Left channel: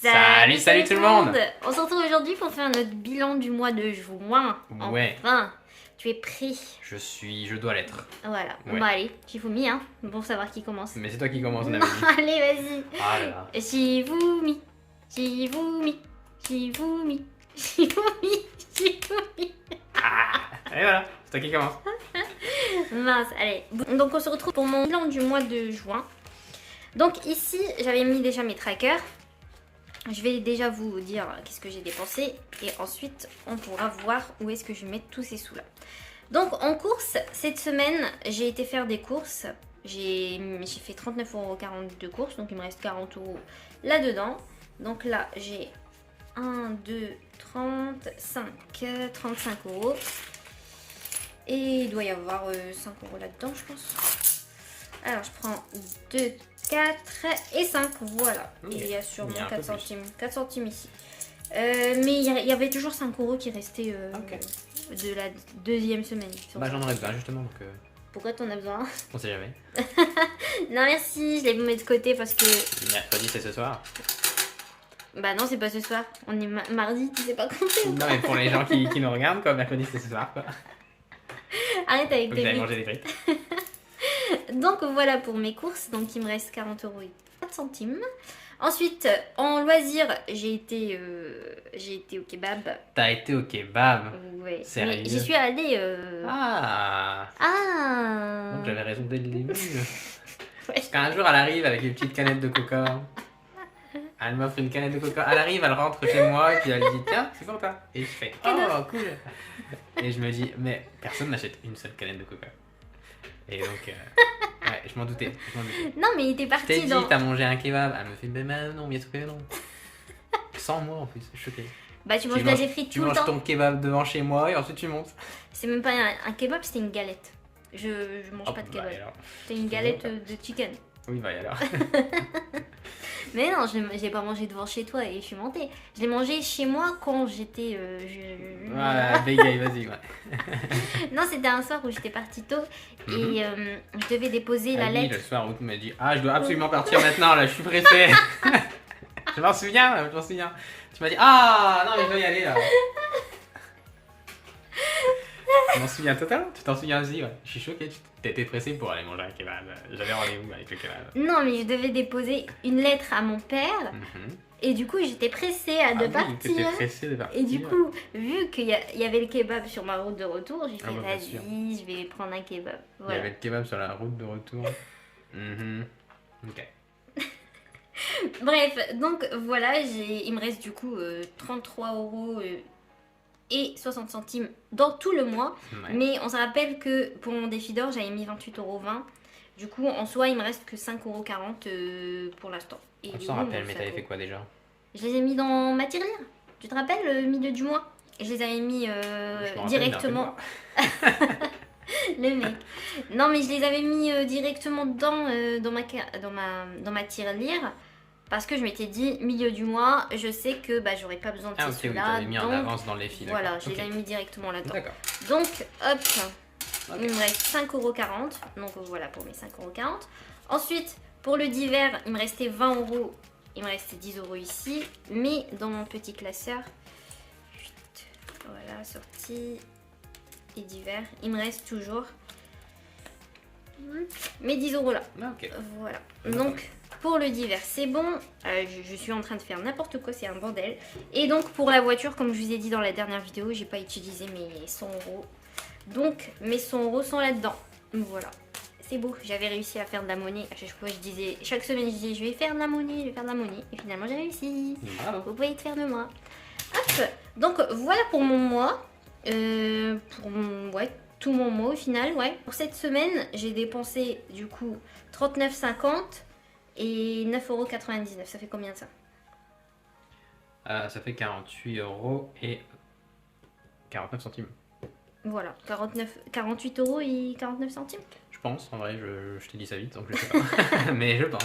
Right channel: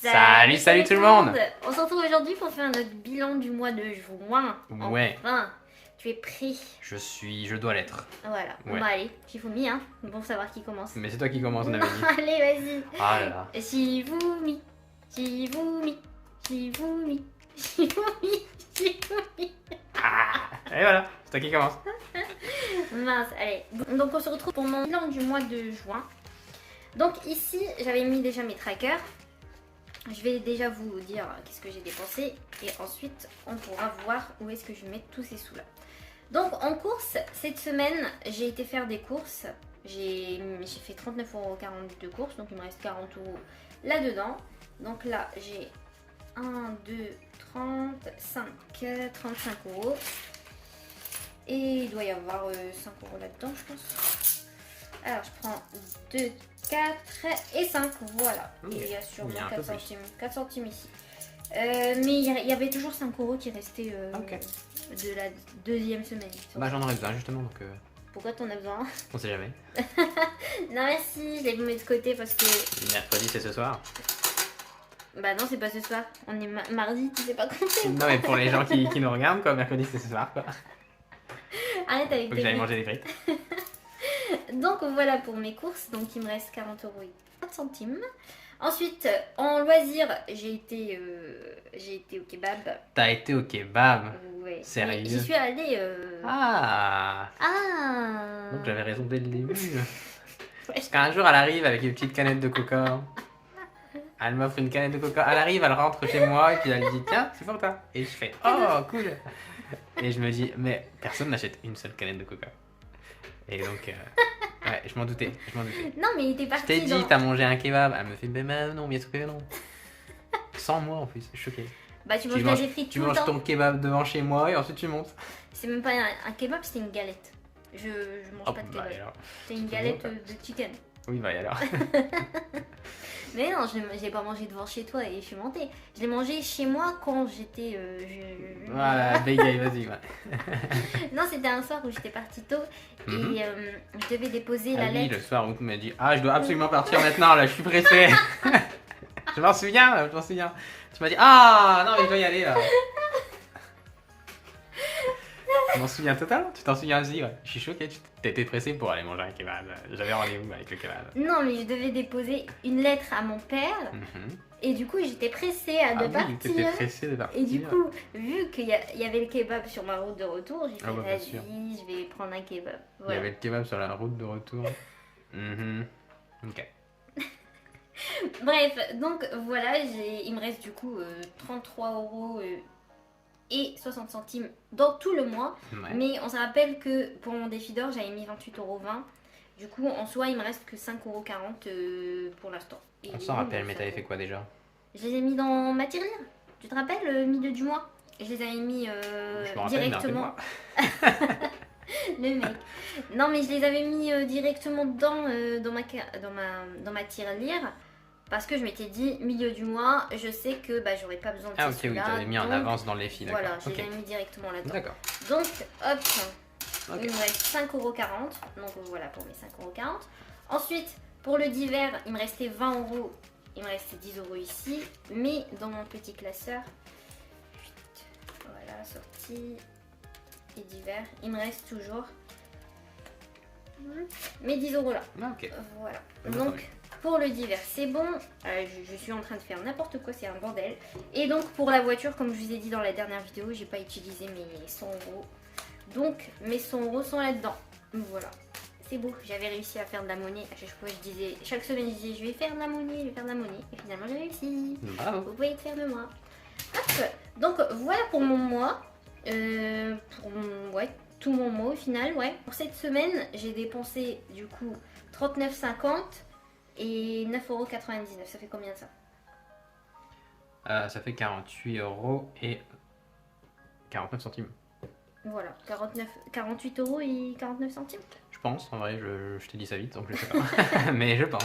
Salut tout le monde. On se retrouve aujourd'hui pour faire notre bilan du mois de juin. Ouais. Enfin, tu es prêt? Je dois l'être. Voilà, Ouais. Bon allez, Shifumi, hein, pour savoir qui commence. Mais c'est toi qui commence, on avait dit. Allez, vas-y. Ah là là. Shifumi, Shifumi, Shifumi, Shifumi, Shifumi. Et voilà, c'est toi qui commence. Mince, allez. Donc on se retrouve pour mon bilan du mois de juin. Donc ici, j'avais mis déjà mes trackers. Je vais déjà vous dire qu'est-ce que j'ai dépensé et ensuite on pourra voir où est-ce que je vais mettre tous ces sous là. Donc en course, cette semaine j'ai été faire des courses. J'ai fait 39,40€ de courses, donc il me reste 40€ là-dedans. Donc là j'ai 1, 2, 35, 35€. Et il doit y avoir 5€ là-dedans je pense. Alors je prends 2, 4 et 5, voilà. Okay. Et il y a sûrement Il y a un 4 peu centimes. 4 centimes ici. Mais il y avait toujours 5€ qui restaient de la deuxième semaine. Bah j'en aurais besoin justement donc... Pourquoi t'en as besoin? On sait jamais. Non merci, je l'ai mis de côté parce que... Mercredi c'est ce soir. Bah non c'est pas ce soir, on est mardi, tu sais pas compter. Non mais pour les gens qui nous regardent quoi, mercredi c'est ce soir quoi. Arrête avec Faut que tes j'aille frites. manger des frites. Donc voilà pour mes courses, donc il me reste 40€ et 4 centimes. Ensuite, en loisir, j'ai été au kebab. T'as été au kebab? Ouais. Sérieux? Mais j'y suis allée. Ah. Ah. Donc j'avais raison dès le début. Ouais. Parce qu'un jour elle arrive avec une petite canette de coca. Elle m'offre une canette de coca. Elle arrive, elle rentre chez moi et puis elle dit tiens, c'est sympa. Et je fais oh cool. Et je me dis mais personne n'achète une seule canette de coca. Et donc ouais, je m'en doutais. Non mais il était Je parti t'ai dit dans... t'as mangé un kebab. Elle me fait mais non, bien sûr que non. Sans moi en plus, je suis choqué. Bah tu manges des frites Tu tout le manges temps. ton kebab devant chez moi et ensuite tu montes. C'est même pas un kebab, c'était une galette. Je mange pas de Bah, kebab. alors. C'est une galette de chicken. Oui bah alors. Mais non, je l'ai pas mangé devant chez toi et je suis montée. Je l'ai mangé chez moi quand j'étais... Voilà, bégaye, vas-y. Ouais. Non, c'était un soir où j'étais partie tôt Mhm. et je devais déposer Ah la oui, lettre. le soir où tu m'as dit ah je dois absolument partir maintenant là, je suis pressé. Je m'en souviens, je m'en souviens. Tu m'as dit ah non mais je dois y aller là. Je m'en souviens totalement, tu t'en souviens aussi, ouais. Je suis choqué, tu t'étais pressé pour aller manger un kebab. J'avais rendez-vous avec le kebab. Non, mais je devais déposer une lettre à mon père Mhm. et du coup j'étais pressée de Ah oui, t'étais partir. pressé de partir. Et du coup, vu qu'il y avait le kebab sur ma route de retour, j'ai fait Ah bah, bien sûr. vas-y, je vais prendre un kebab. Il y Voilà. avait le kebab sur la route de retour. Mhm. Ok. Bref, donc voilà, il me reste du coup 33€ et 60 centimes dans tout le mois. Ouais. Mais on se rappelle que pour mon défi d'or, j'avais mis 28,20€. Du coup, en soi, il me reste que 5,40€ pour l'instant. Et On du s'en coup, rappelle, bon, mais ça t'avais vaut. fait quoi déjà? Je les ai mis dans ma tirelire. Tu te rappelles, le milieu du mois? Je les avais mis Je m'en rappelle, mais directement. rappelle-moi. Le mec. Non, mais je les avais mis directement dans ma tirelire. Parce que je m'étais dit, milieu du mois, je sais que bah, j'aurais pas besoin de Ah ces ok, oui, sous-là. t'avais mis en donc, avance dans les fils. voilà, d'accord. je les Ok. avais mis directement là-dedans. D'accord. Donc, hop, Ok. il me reste 5,40€. Donc voilà pour mes 5,40€. Ensuite, pour le divers, il me restait 20€. Il me restait 10€ ici. Mais dans mon petit classeur, voilà, sortie et divers, il me reste toujours mes 10€ là. Ah, ok. Voilà. Je Donc, pour le divers, c'est bon. Je suis en train de faire n'importe quoi, c'est un bordel. Et donc, pour la voiture, comme je vous ai dit dans la dernière vidéo, j'ai pas utilisé mes 100€. Donc, mes 100€ sont là-dedans. Voilà. C'est beau, j'avais réussi à faire de la monnaie. À chaque fois, chaque semaine, je disais, je vais faire de la monnaie, je vais faire de la monnaie. Et finalement, j'ai réussi. Bravo. Vous pouvez être fiers de moi. Hop. Donc, voilà pour mon mois. Ouais, tout mon mois au final, ouais. Pour cette semaine, j'ai dépensé du coup 39,50 et 9,99€. Ça fait combien de ça? Ça fait 48€ et 49 centimes. Voilà, 48€ et 49 centimes. Je pense, en vrai, je t'ai dit ça vite, donc je sais pas. Mais je pense.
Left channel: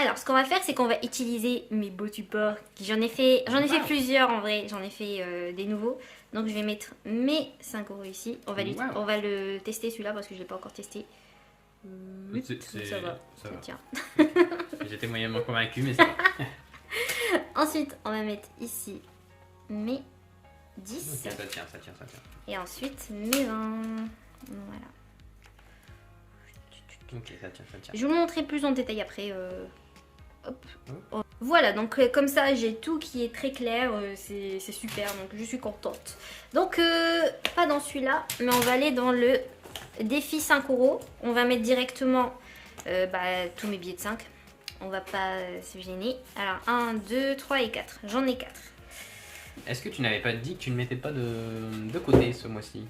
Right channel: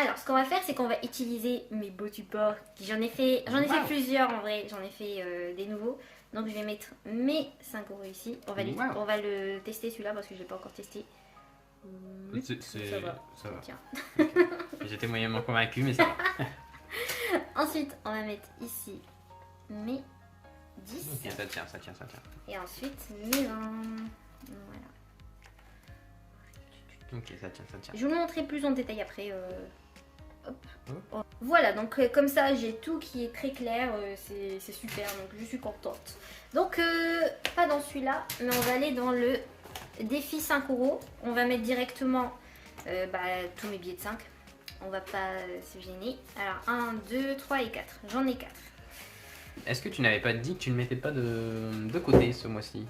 Alors, ce qu'on va faire, c'est qu'on va utiliser mes beaux supports. J'en ai fait Wow. plusieurs en vrai. J'en ai fait des nouveaux. Donc, je vais mettre mes 5€ ici. On va le tester celui-là parce que je l'ai pas encore testé. Ça va. Ça va. Tiens. J'étais moyennement convaincu, mais ça va. Ensuite, on va mettre ici mes 10. Ok, ça tient, ça tient, ça tient. Et ensuite, mes 20. Voilà. Ok, ça tient, ça tient. Je vais vous montrer plus en détail après. Hop. Hop. Voilà, donc comme ça, j'ai tout qui est très clair. C'est super, donc je suis contente. Donc, pas dans celui-là, mais on va aller dans le défi 5 €. On va mettre directement tous mes billets de 5. On va pas se gêner. Alors, 1, 2, 3 et 4. J'en ai 4. Est-ce que tu n'avais pas dit que tu ne mettais pas de côté ce mois-ci?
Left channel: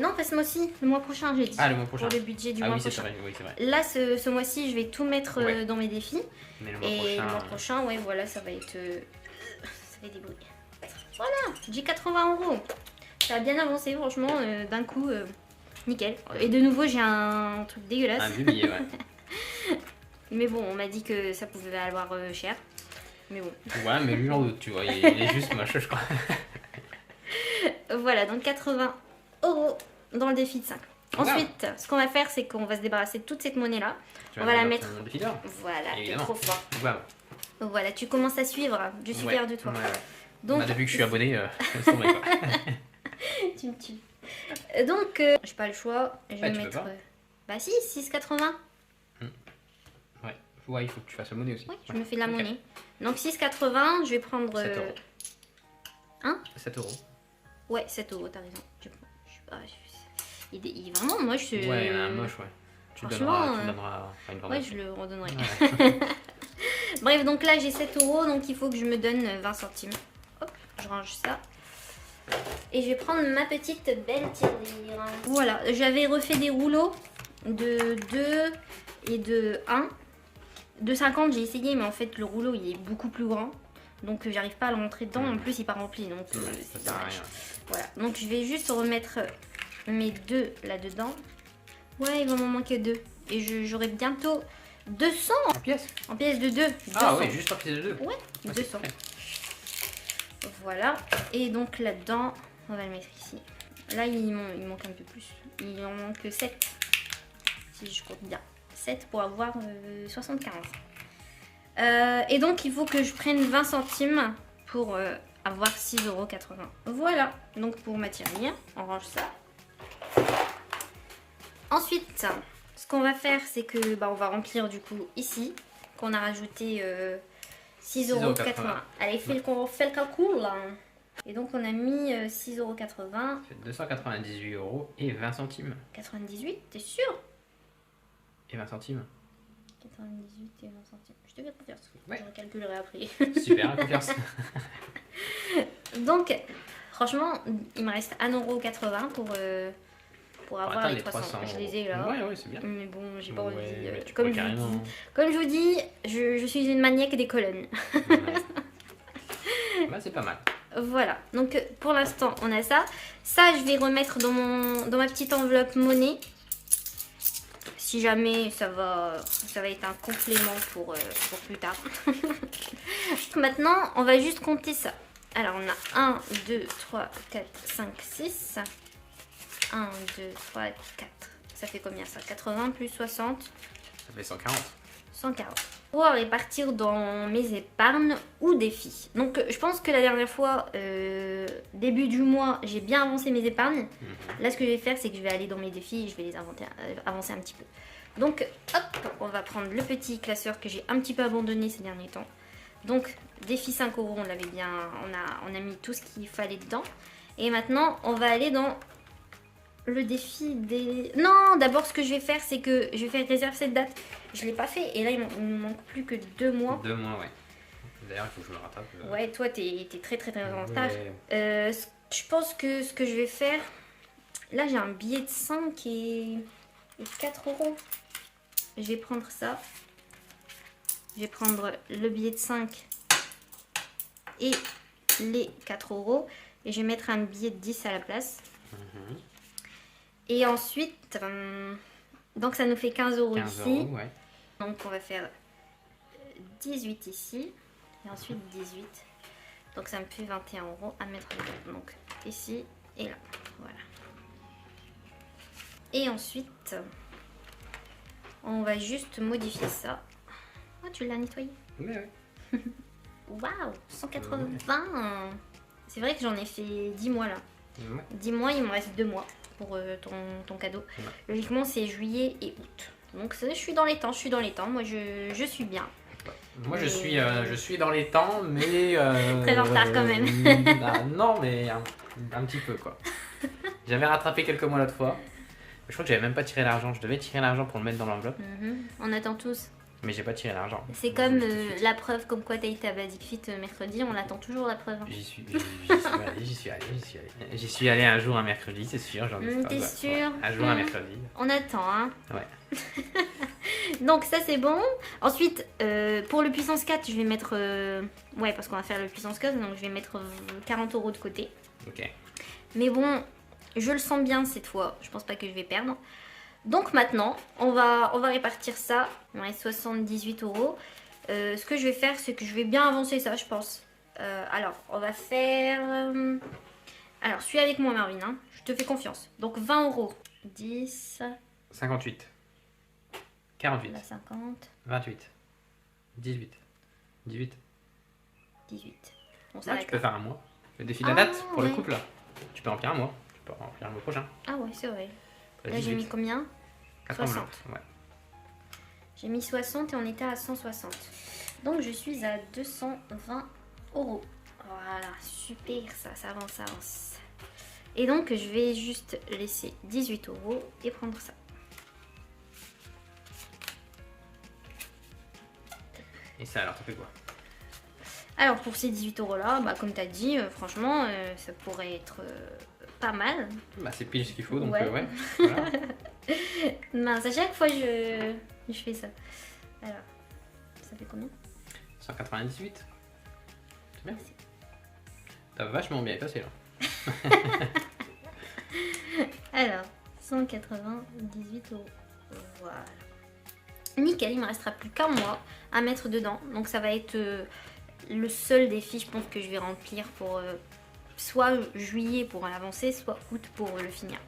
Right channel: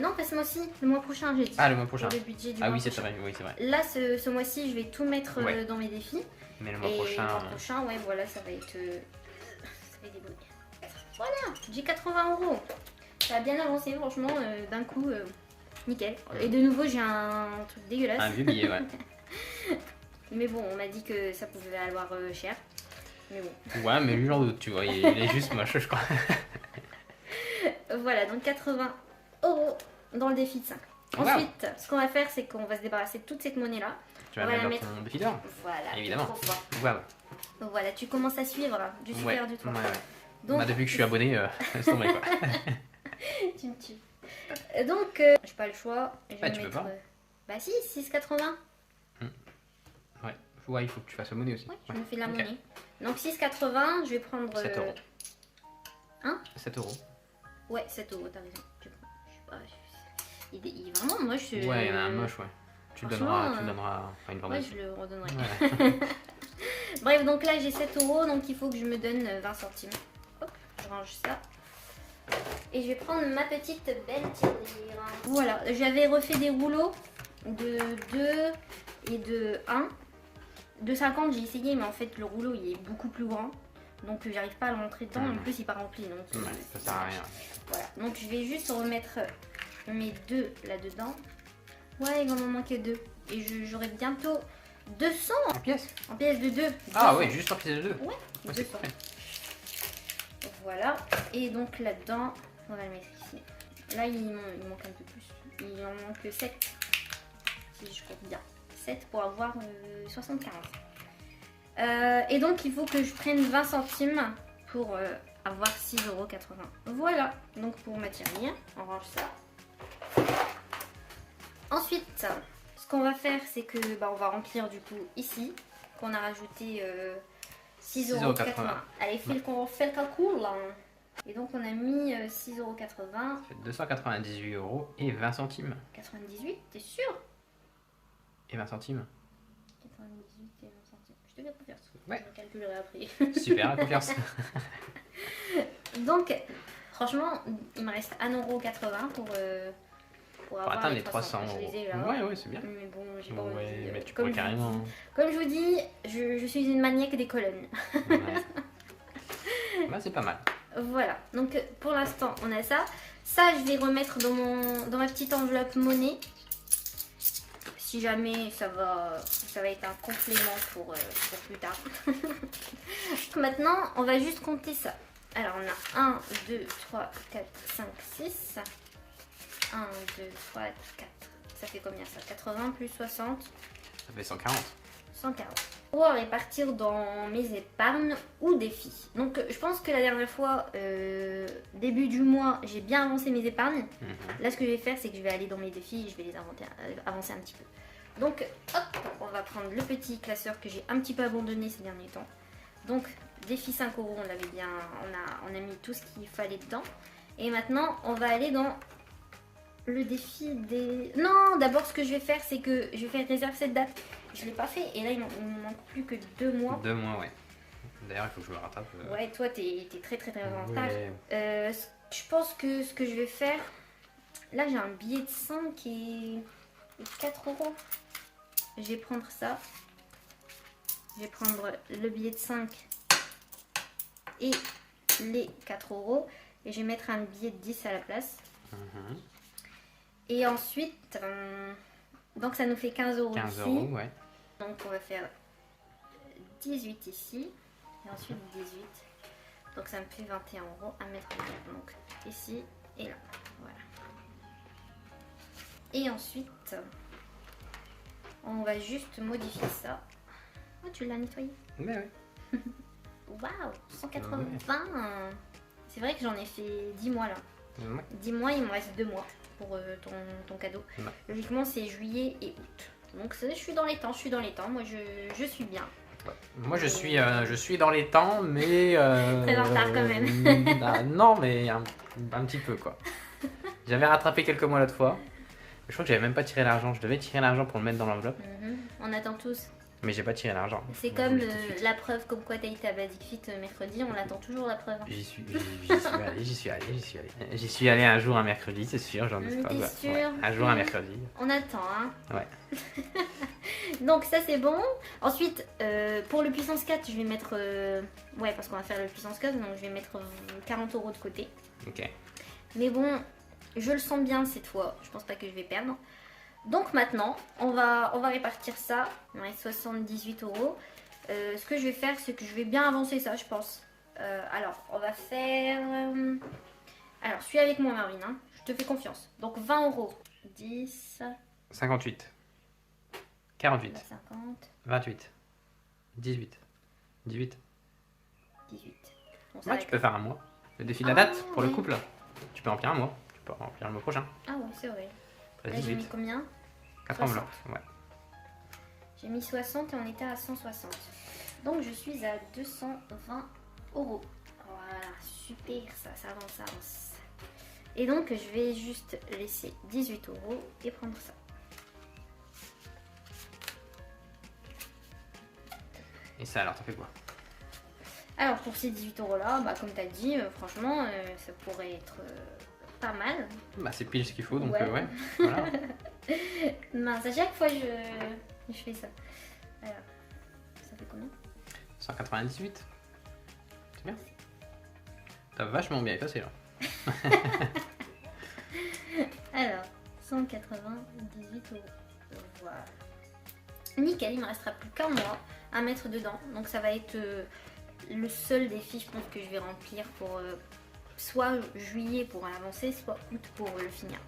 Non, pas ce mois-ci, le mois prochain, j'ai dit. Ah, le mois prochain. Pour le budget du Ah mois oui, c'est prochain. vrai, oui, c'est vrai. Là, ce mois-ci, je vais tout mettre Ouais. dans mes défis. Mais le mois Et prochain. le mois prochain, ouais, voilà, ça va être. Ça va être débrouillé. Voilà, j'ai 80 €. Ça a bien avancé, franchement, d'un coup, nickel. Et de nouveau, j'ai un truc dégueulasse. Un vieux billet, ouais. Mais bon, on m'a dit que ça pouvait valoir cher. Mais bon. Ouais, mais lui, j'en doute, tu vois. Il est juste moche, je crois. Voilà, donc 80 € dans le défi de 5. Voilà. Ensuite, ce qu'on va faire, c'est qu'on va se débarrasser de toute cette monnaie-là. Tu On vas va la dans mettre. ton défi d'or. Voilà, t'es Évidemment. trop fort. Voilà. Voilà, tu commences à suivre. Je suis fière de toi. Ouais, ouais. Donc, Bah, depuis que je suis abonné, c'est tombé, quoi. tu me tues. Donc, j'ai pas le choix. Je vais tu peux mettre. pas. Bah si, 6,80. Ouais. Ouais, il faut que tu fasses la monnaie aussi. Ouais, je Ouais. me fais la Ok. monnaie. Donc 6,80, je vais prendre. 7 €. Hein? 7 €. Ouais, 7 €, t'as raison. Je sais pas. Il est vraiment moche. Ouais, il y en a un moche, ouais. Tu le franchement, donneras, tu le donneras. Enfin, une Ouais, vendette. je le redonnerai. Voilà. Bref, donc là j'ai 7 €, donc il faut que je me donne 20 centimes. Hop, je range ça. Et je vais prendre ma petite belle tirelire. Voilà, j'avais refait des rouleaux de 2 et de 1. De 50, j'ai essayé, mais en fait le rouleau il est beaucoup plus grand. Donc j'arrive pas à le montrer dedans. En plus, il n'est pas rempli. Donc Ouais, ça sert à rien. voilà. Donc je vais juste remettre mes 2 là-dedans. Ouais, il va m'en manquer 2. Et j'aurai bientôt 200 En pièces. en pièces de 2. Ah ouais, juste en pièces de 2. Ouais, Ah, c'est 200. parfait. Voilà. Et donc là-dedans, on va le mettre ici. Là, il manque un peu plus. Il en manque 7. Si je compte bien. 7 pour avoir 75. Et donc, il faut que je prenne 20 centimes pour avoir 6,80 €. Voilà. Donc, pour ma tirelire, on range ça. Ensuite, ce qu'on va faire, c'est que on va remplir du coup ici, qu'on a rajouté 6,80 €. Allez, fait le calcul là. Et donc on a mis 6,80 €. C'est 298 € et 20 centimes. 98, t'es sûr? Et 20 centimes. 98 et 20 centimes. Je te fais confiance. Ouais. Je recalculerai après. Super, confiance. Donc, franchement, il me reste 1,80 € pour avoir Attends, les les 300. 300 Je les ai €. là. Ouais, ouais, c'est bien. Mais bon, j'ai pas Ouais, envie. mais tu Comme peux je vous carrément. dis, comme je vous dis, je suis une maniaque des colonnes. Ouais. Ouais, c'est pas mal. Voilà, donc pour l'instant on a ça. Ça je vais remettre dans ma petite enveloppe monnaie. Si jamais ça va être un complément pour plus tard. Maintenant on va juste compter ça. Alors on a 1, 2, 3, 4, 5, 6. 1, 2, 3, 4. Ça fait combien ça? 80 plus 60. Ça fait 140. 140. Pour répartir dans mes épargnes ou défis. Donc je pense que la dernière fois, début du mois, j'ai bien avancé mes épargnes. Là ce que je vais faire, c'est que je vais aller dans mes défis et je vais les avancer un petit peu. Donc hop, on va prendre le petit classeur que j'ai un petit peu abandonné ces derniers temps. Donc défi 5 €, on l'avait bien, on a mis tout ce qu'il fallait dedans. Et maintenant on va aller dans le défi des... Non, d'abord ce que je vais faire, c'est que je vais faire réserve cette date. Je l'ai pas fait et là il me manque plus que 2 mois. 2 mois, ouais. D'ailleurs, il faut que je me rattrape. Ouais, toi t'es très en retard. Ouais. Je pense que ce que je vais faire, là j'ai un billet de 5 et 4 €. Je vais prendre ça. Je vais prendre le billet de 5 et les 4 € et je vais mettre un billet de 10 à la place. Mhm. Et ensuite, donc ça nous fait 15 € 15 ici. €, ouais. Donc on va faire 18 ici. Et ensuite 18. Donc ça me fait 21 € à mettre dedans. Donc ici et là. Voilà. Et ensuite, on va juste modifier ça. Oh, tu l'as nettoyé? Ouais, ouais. Waouh, 180. C'est vrai que j'en ai fait 10 mois là. Ouais. 10 mois, il me reste 2 mois pour ton cadeau. Ouais. Logiquement, c'est juillet et août. Donc je suis dans les temps, Moi, je suis bien. Moi je suis dans les temps, mais... Très en retard quand même. Bah, non, mais un petit peu quoi. J'avais rattrapé quelques mois l'autre fois. Je crois que j'avais même pas tiré l'argent. Je devais tirer l'argent pour le mettre dans l'enveloppe, On attend tous. mais j'ai pas tiré l'argent. C'est comme la preuve comme quoi t'as été à Basic Fit mercredi, on attend toujours la preuve. J'y suis allé un jour un mercredi, c'est sûr. T'es sûr? Ouais, un jour un mercredi. On attend, hein. Ouais. Donc ça c'est bon. Ensuite, pour le puissance 4, je vais mettre... ouais, parce qu'on va faire le puissance 4, donc je vais mettre 40 € de côté. Ok. Mais bon, je le sens bien cette fois. Je pense pas que je vais perdre. Donc maintenant, on va répartir ça. Il me reste 78 €. Ce que je vais faire, c'est que je vais bien avancer ça, je pense. Alors, on va faire... Alors, suis avec moi, Marvin. Hein. Je te fais confiance. Donc 20 €. 10... 58. 48. 50... 28. 18. 18. 18. Bon, ça Ouais, va tu être- peux faire un mois. Le défi de la date pour le oui. couple. Tu peux remplir un mois. Tu peux remplir le mois prochain. Ah ouais, c'est vrai. Pas Là, j'ai 18. mis combien? 4 60. enveloppes. Ouais. J'ai mis 60 et on était à 160. Donc je suis à 220 €. Voilà, super, ça avance. Et donc je vais juste laisser 18 € et prendre ça. Et ça alors, ça fait quoi? Alors pour ces 18 € là, bah, comme tu as dit, franchement, ça pourrait être pas mal. Bah, c'est pile ce qu'il faut, donc Ouais. ouais. Voilà. Mince, à chaque fois je fais ça. Alors, ça fait combien? 198. C'est bien. T'as vachement bien passé là. Alors, 198 €. Voilà. Nickel, il me restera plus qu'un mois à mettre dedans. Donc ça va être le seul défi, je pense, que je vais remplir pour soit juillet pour l'avancer, soit août pour le finir.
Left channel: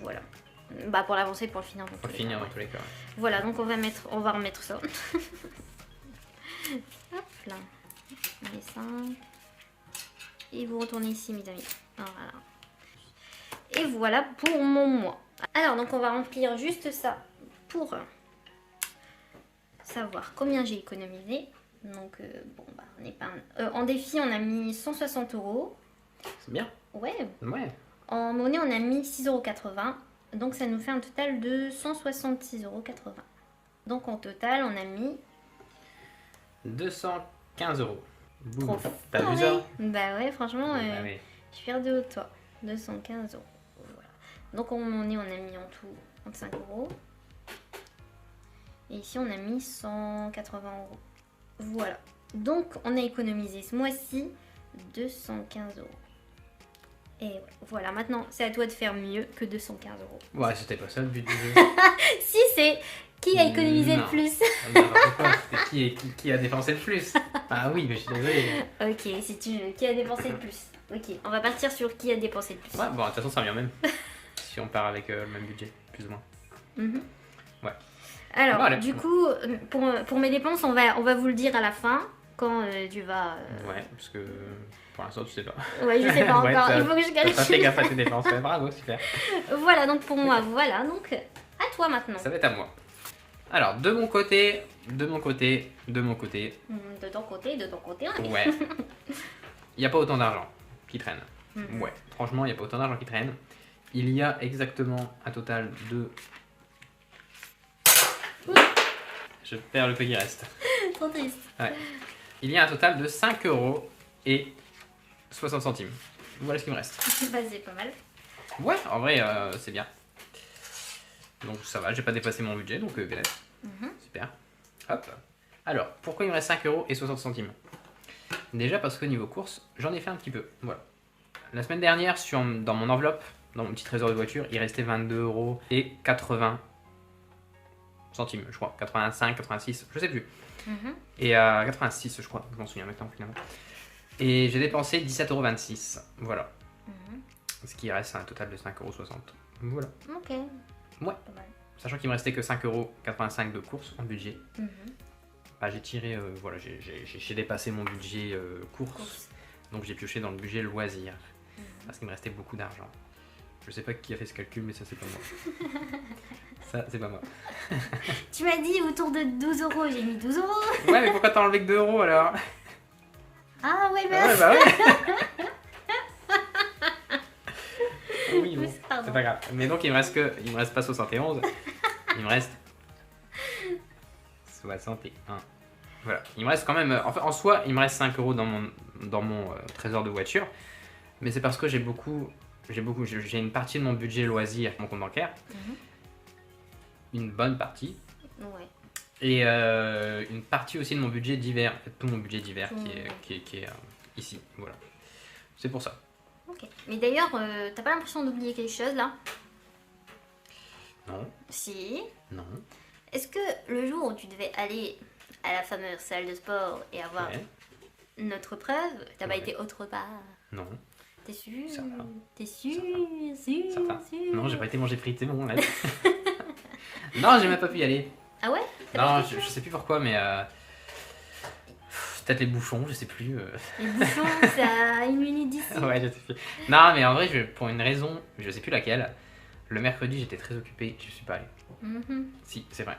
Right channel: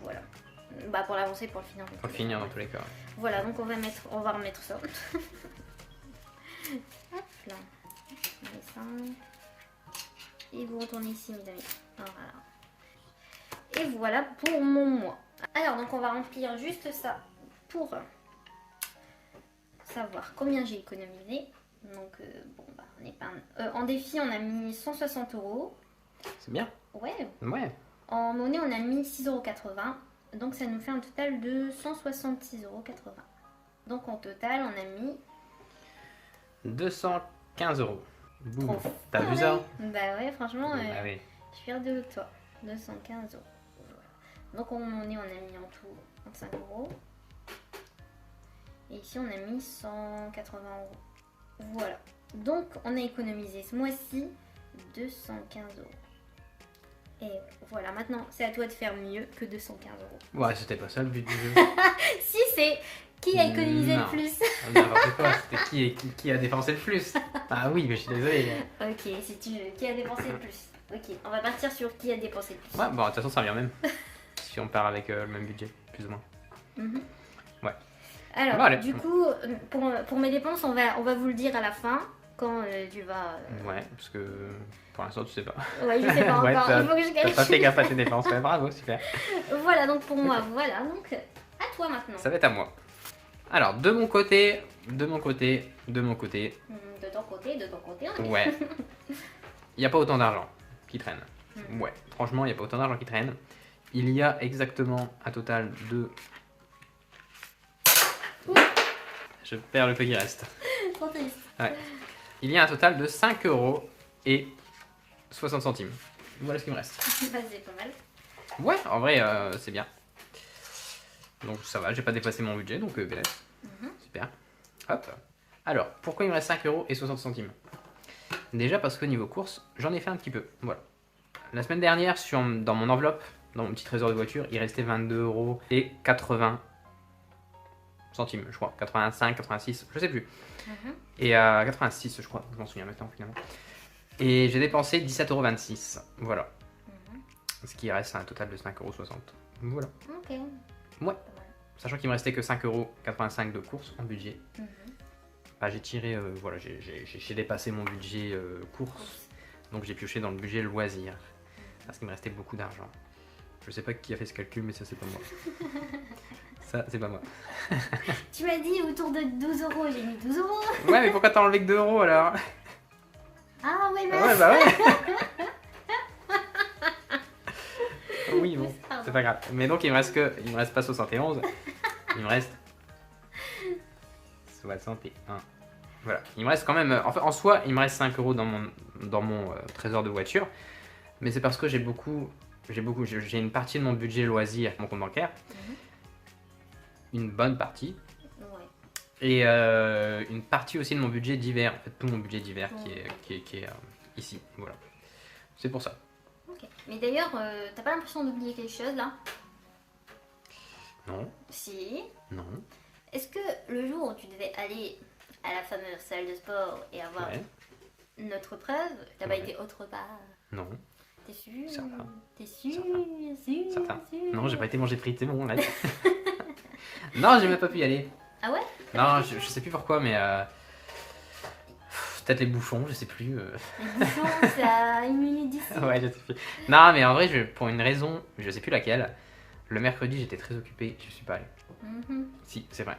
Voilà. Bah pour l'avancer, pour le finir. Pour finir dans tous les cas. Ouais. Voilà, donc on va remettre ça. Hop là. On met ça. Et vous retournez ici, mes amis. Voilà. Et voilà pour mon mois. Alors, donc on va remplir juste ça pour savoir combien j'ai économisé. Donc, bon, bah, on est pas... en défi, on a mis 160 €. C'est bien. Ouais. Ouais. En monnaie, on a mis 6,80 €. Donc, ça nous fait un total de 166,80 €. Donc, en total, on a mis... 215 €. Boum. Trop T'as vu fort, ça? oui. Bah ouais, franchement, Ah oui. je suis fière de toi. 215 €. Voilà. Donc, en monnaie, on a mis en tout 25 €. Et ici, on a mis 180 €. Voilà. Donc, on a économisé ce mois-ci 215 €. Et voilà, maintenant, c'est à toi de faire mieux que 215 €. Ouais, c'était pas ça le but du jeu. Si, c'est qui a économisé Non. le plus. Ah oui, n'importe quoi. C'était qui a dépensé le plus. Ah oui, mais je suis désolé. Ok, si tu veux. Qui a dépensé le plus. Ok, on va partir sur qui a dépensé le plus. Ouais, bon, de toute façon, ça revient même. Si on part avec le même budget, plus ou moins. Mhm. Ouais. Alors, Bon, allez. du coup, pour mes dépenses, on va vous le dire à la fin, quand tu vas... Ouais, parce que pour l'instant, tu sais pas. Ouais, je sais pas encore, Ouais, il faut que je T'as pas fait calcule. gaffe à tes dépenses. Ouais, bravo, super. Voilà, donc pour moi, voilà. Donc, à toi maintenant. Ça va être à moi. Alors, de mon côté. De ton côté, on est... Ouais. Il n'y a pas autant d'argent qui traîne. Mhm. Ouais, franchement, il n'y a pas autant d'argent qui traîne. Il y a exactement un total de... Je perds le peu qui reste. Trop triste. Ouais. Il y a un total de 5 € et 60 centimes. Voilà ce qui me reste. Bah, c'est pas mal. Ouais, en vrai, c'est bien. Donc ça va, j'ai pas dépassé mon budget, donc bien. Super. Hop. Alors, pourquoi il me reste 5 € et 60 centimes? Déjà parce que niveau course, j'en ai fait un petit peu. Voilà. La semaine dernière, dans mon enveloppe, dans mon petit trésor de voiture, il restait 22 € et 80 centimes, je crois. 85, 86, je sais plus. Et à 86, je crois, je m'en souviens maintenant finalement. Et j'ai dépensé 17,26 €. Voilà. Ce qui reste un total de 5,60 €. Voilà. Ok. Ouais. Pas mal. Sachant qu'il me restait que 5,85 € de course en budget. Bah, j'ai tiré, voilà, j'ai dépassé mon budget course, donc j'ai pioché dans le budget loisir, parce qu'il me restait beaucoup d'argent. Je sais pas qui a fait ce calcul, mais ça c'est pas moi. Ça c'est pas moi. Tu m'as dit autour de 12 euros, j'ai mis 12 euros. Ouais, mais pourquoi t'as enlevé que 2 euros alors? Ah ouais, Ah ouais, merci. bah ouais. Oui, bon, Pardon. c'est pas grave. Mais donc il me reste pas 71, il me reste 61. Voilà, il me reste quand même, en soi, il me reste 5 euros dans mon trésor de voiture, mais c'est parce que j'ai une partie de mon budget loisir, mon compte bancaire, une bonne partie, Ouais. et une partie aussi de mon budget d'hiver, en fait, tout mon budget d'hiver qui est ici, voilà. C'est pour ça. Ok. Mais d'ailleurs, t'as pas l'impression d'oublier quelque chose là? Non, Si. non, Est-ce que le jour où tu devais aller à la fameuse salle de sport et avoir ouais, notre preuve, t'as pas Ouais. été autre part? non, T'es sûr? Certain. T'es sûr? certain. Sûr? Non, j'ai pas été manger frites, c'est bon, là. Non, j'ai même pas pu y aller. Ah ouais? Non, je sais plus pourquoi, mais peut-être les bouchons, je sais plus. Les bouchons, c'est à 1 minute d'ici. Ouais, je sais plus. Non, mais en vrai, pour une raison, je sais plus laquelle, le mercredi, j'étais très occupé, je suis pas allé. Mhm. Si, c'est vrai.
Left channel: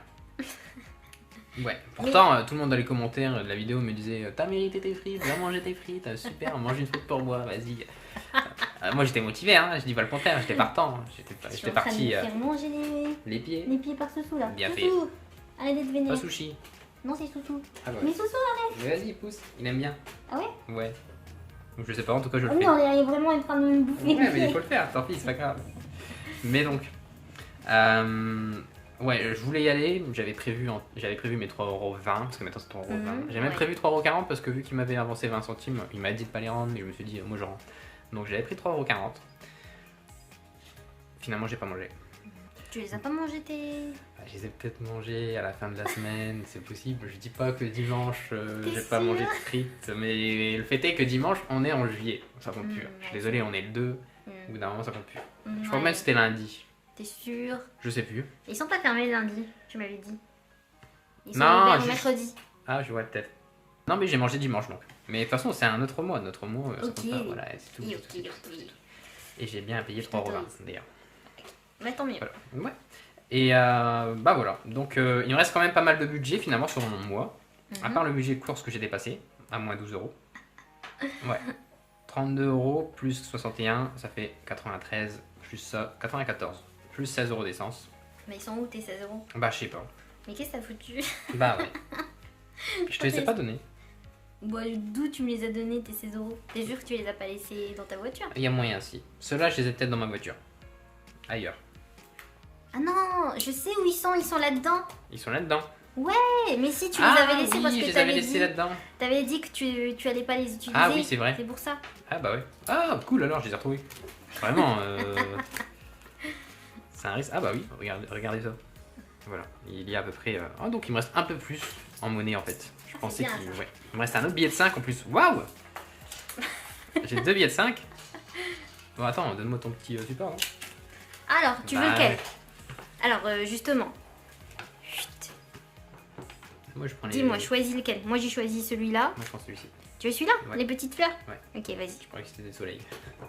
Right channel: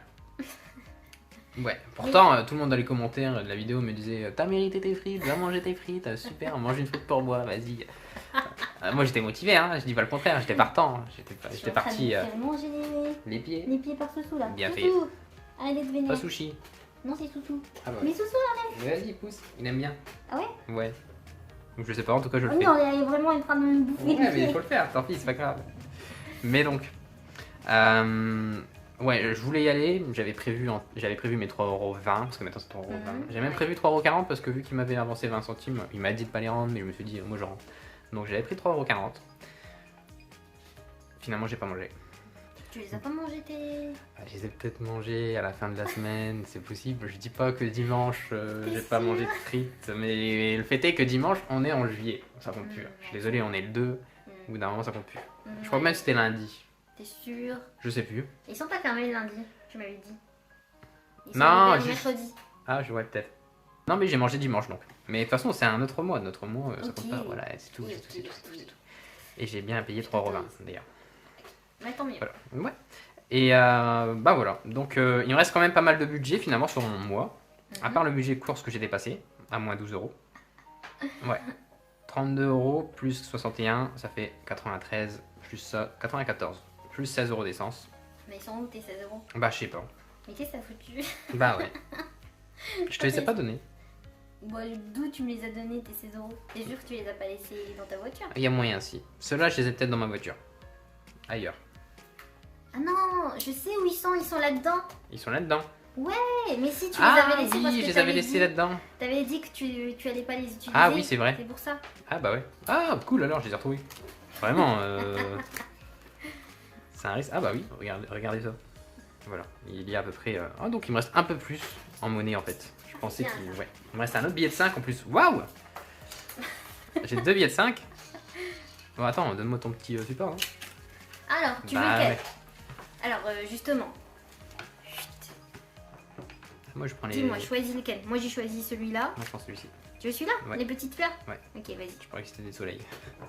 Ouais, pourtant, tout le monde dans les commentaires de la vidéo me disait t'as mérité tes frites, viens manger tes frites, super, mange une frite pour moi, vas-y. Moi, j'étais motivé, hein, je dis pas le contraire, j'étais partant, hein, j'étais parti Faire manger les pieds, les pieds par Soussou là. Bien fait. Soussou, allez de pas venir. sushi. Non, c'est Soussou. Ah bah Mais ouais. Soussou, Mais vas-y, pousse, il aime bien. ah ouais? Ouais. Donc je sais pas, en tout cas, je Ah le oui, fais. on est vraiment en train de me bouffer. Ouais, mais il faut le faire, tant pis, c'est pas grave. Mais donc, ouais, je voulais y aller, j'avais prévu mes 3,20€, parce que maintenant c'est 3,20€. J'avais même prévu 3,40€ parce que vu qu'il m'avait avancé 20 centimes, il m'a dit de pas les rendre, mais je me suis dit, moi je rends. Donc j'avais pris 3,40€. Finalement, j'ai pas mangé. Tu les as pas mangés tes... Je les ai peut-être mangés à la fin de la semaine, c'est possible. Je dis pas que dimanche, j'ai pas sûr mangé de frites, mais le fait est que dimanche, on est en juillet. Ça compte plus. Ouais. Je suis désolé, on est le 2. Au bout d'un moment, ça compte plus. Je crois Ouais. même que c'était lundi. T'es sûr? Je sais plus. Ils sont pas fermés lundi, tu m'avais dit. Ils sont Non, ouverts juste- mercredi. Ah, je vois peut-être. Non, mais j'ai mangé dimanche donc. Mais de toute façon, c'est un autre mois. Notre mois, ça Ok. compte pas. Voilà, c'est tout. Ok, c'est tout, ok, c'est tout, ok. c'est tout. Et j'ai bien payé 3,20€ d'ailleurs. Mais tant mieux. Voilà. Ouais. Et bah voilà. Donc, il me reste quand même pas mal de budget finalement sur mon mois. À part le budget course que j'ai dépassé, à moins 12€. Ouais. 32€ plus 61, ça fait 93, plus ça, 94. Plus 16€ d'essence. Mais ils sont où tes 16 euros? Bah, je sais pas. Mais qu'est-ce que t'as foutu? Bah ouais. Je te les ai pas donnés. Bon, d'où tu me les as donnés tes 16 euros? T'es sûr que tu les as pas laissés dans ta voiture? Il y a moyen si. Ceux-là, je les ai peut-être dans ma voiture. Ailleurs. Ah non, je sais où ils sont là-dedans. Ils sont là-dedans. Ouais, mais si tu les Ah avais laissés parce oui, que je les avais t'avais laissés dit, là-dedans. t'avais dit que tu allais pas les utiliser. Ah oui, c'est vrai. C'est pour ça. Ah bah ouais. Ah cool alors, je les ai retrouvés. Vraiment. C'est un risque. Ah bah oui, regardez ça. Voilà, il y a à peu près. Ah donc il me reste un peu plus en monnaie en fait. Je pensais bien, qu'il. ça. Ouais. Il me reste un autre billet de 5 en plus. Waouh. J'ai 2 billets de 5. Bon attends, donne-moi ton petit support. Hein. Alors, tu veux Bah, lequel? ouais. Alors, justement. Chut. Moi je prends les. Dis-moi, choisis lequel? Moi j'ai choisi celui-là. Moi je prends celui-ci. Tu veux celui-là? Ouais. Les petites fleurs? Ouais. Ok, vas-y. Je croyais que c'était des soleils.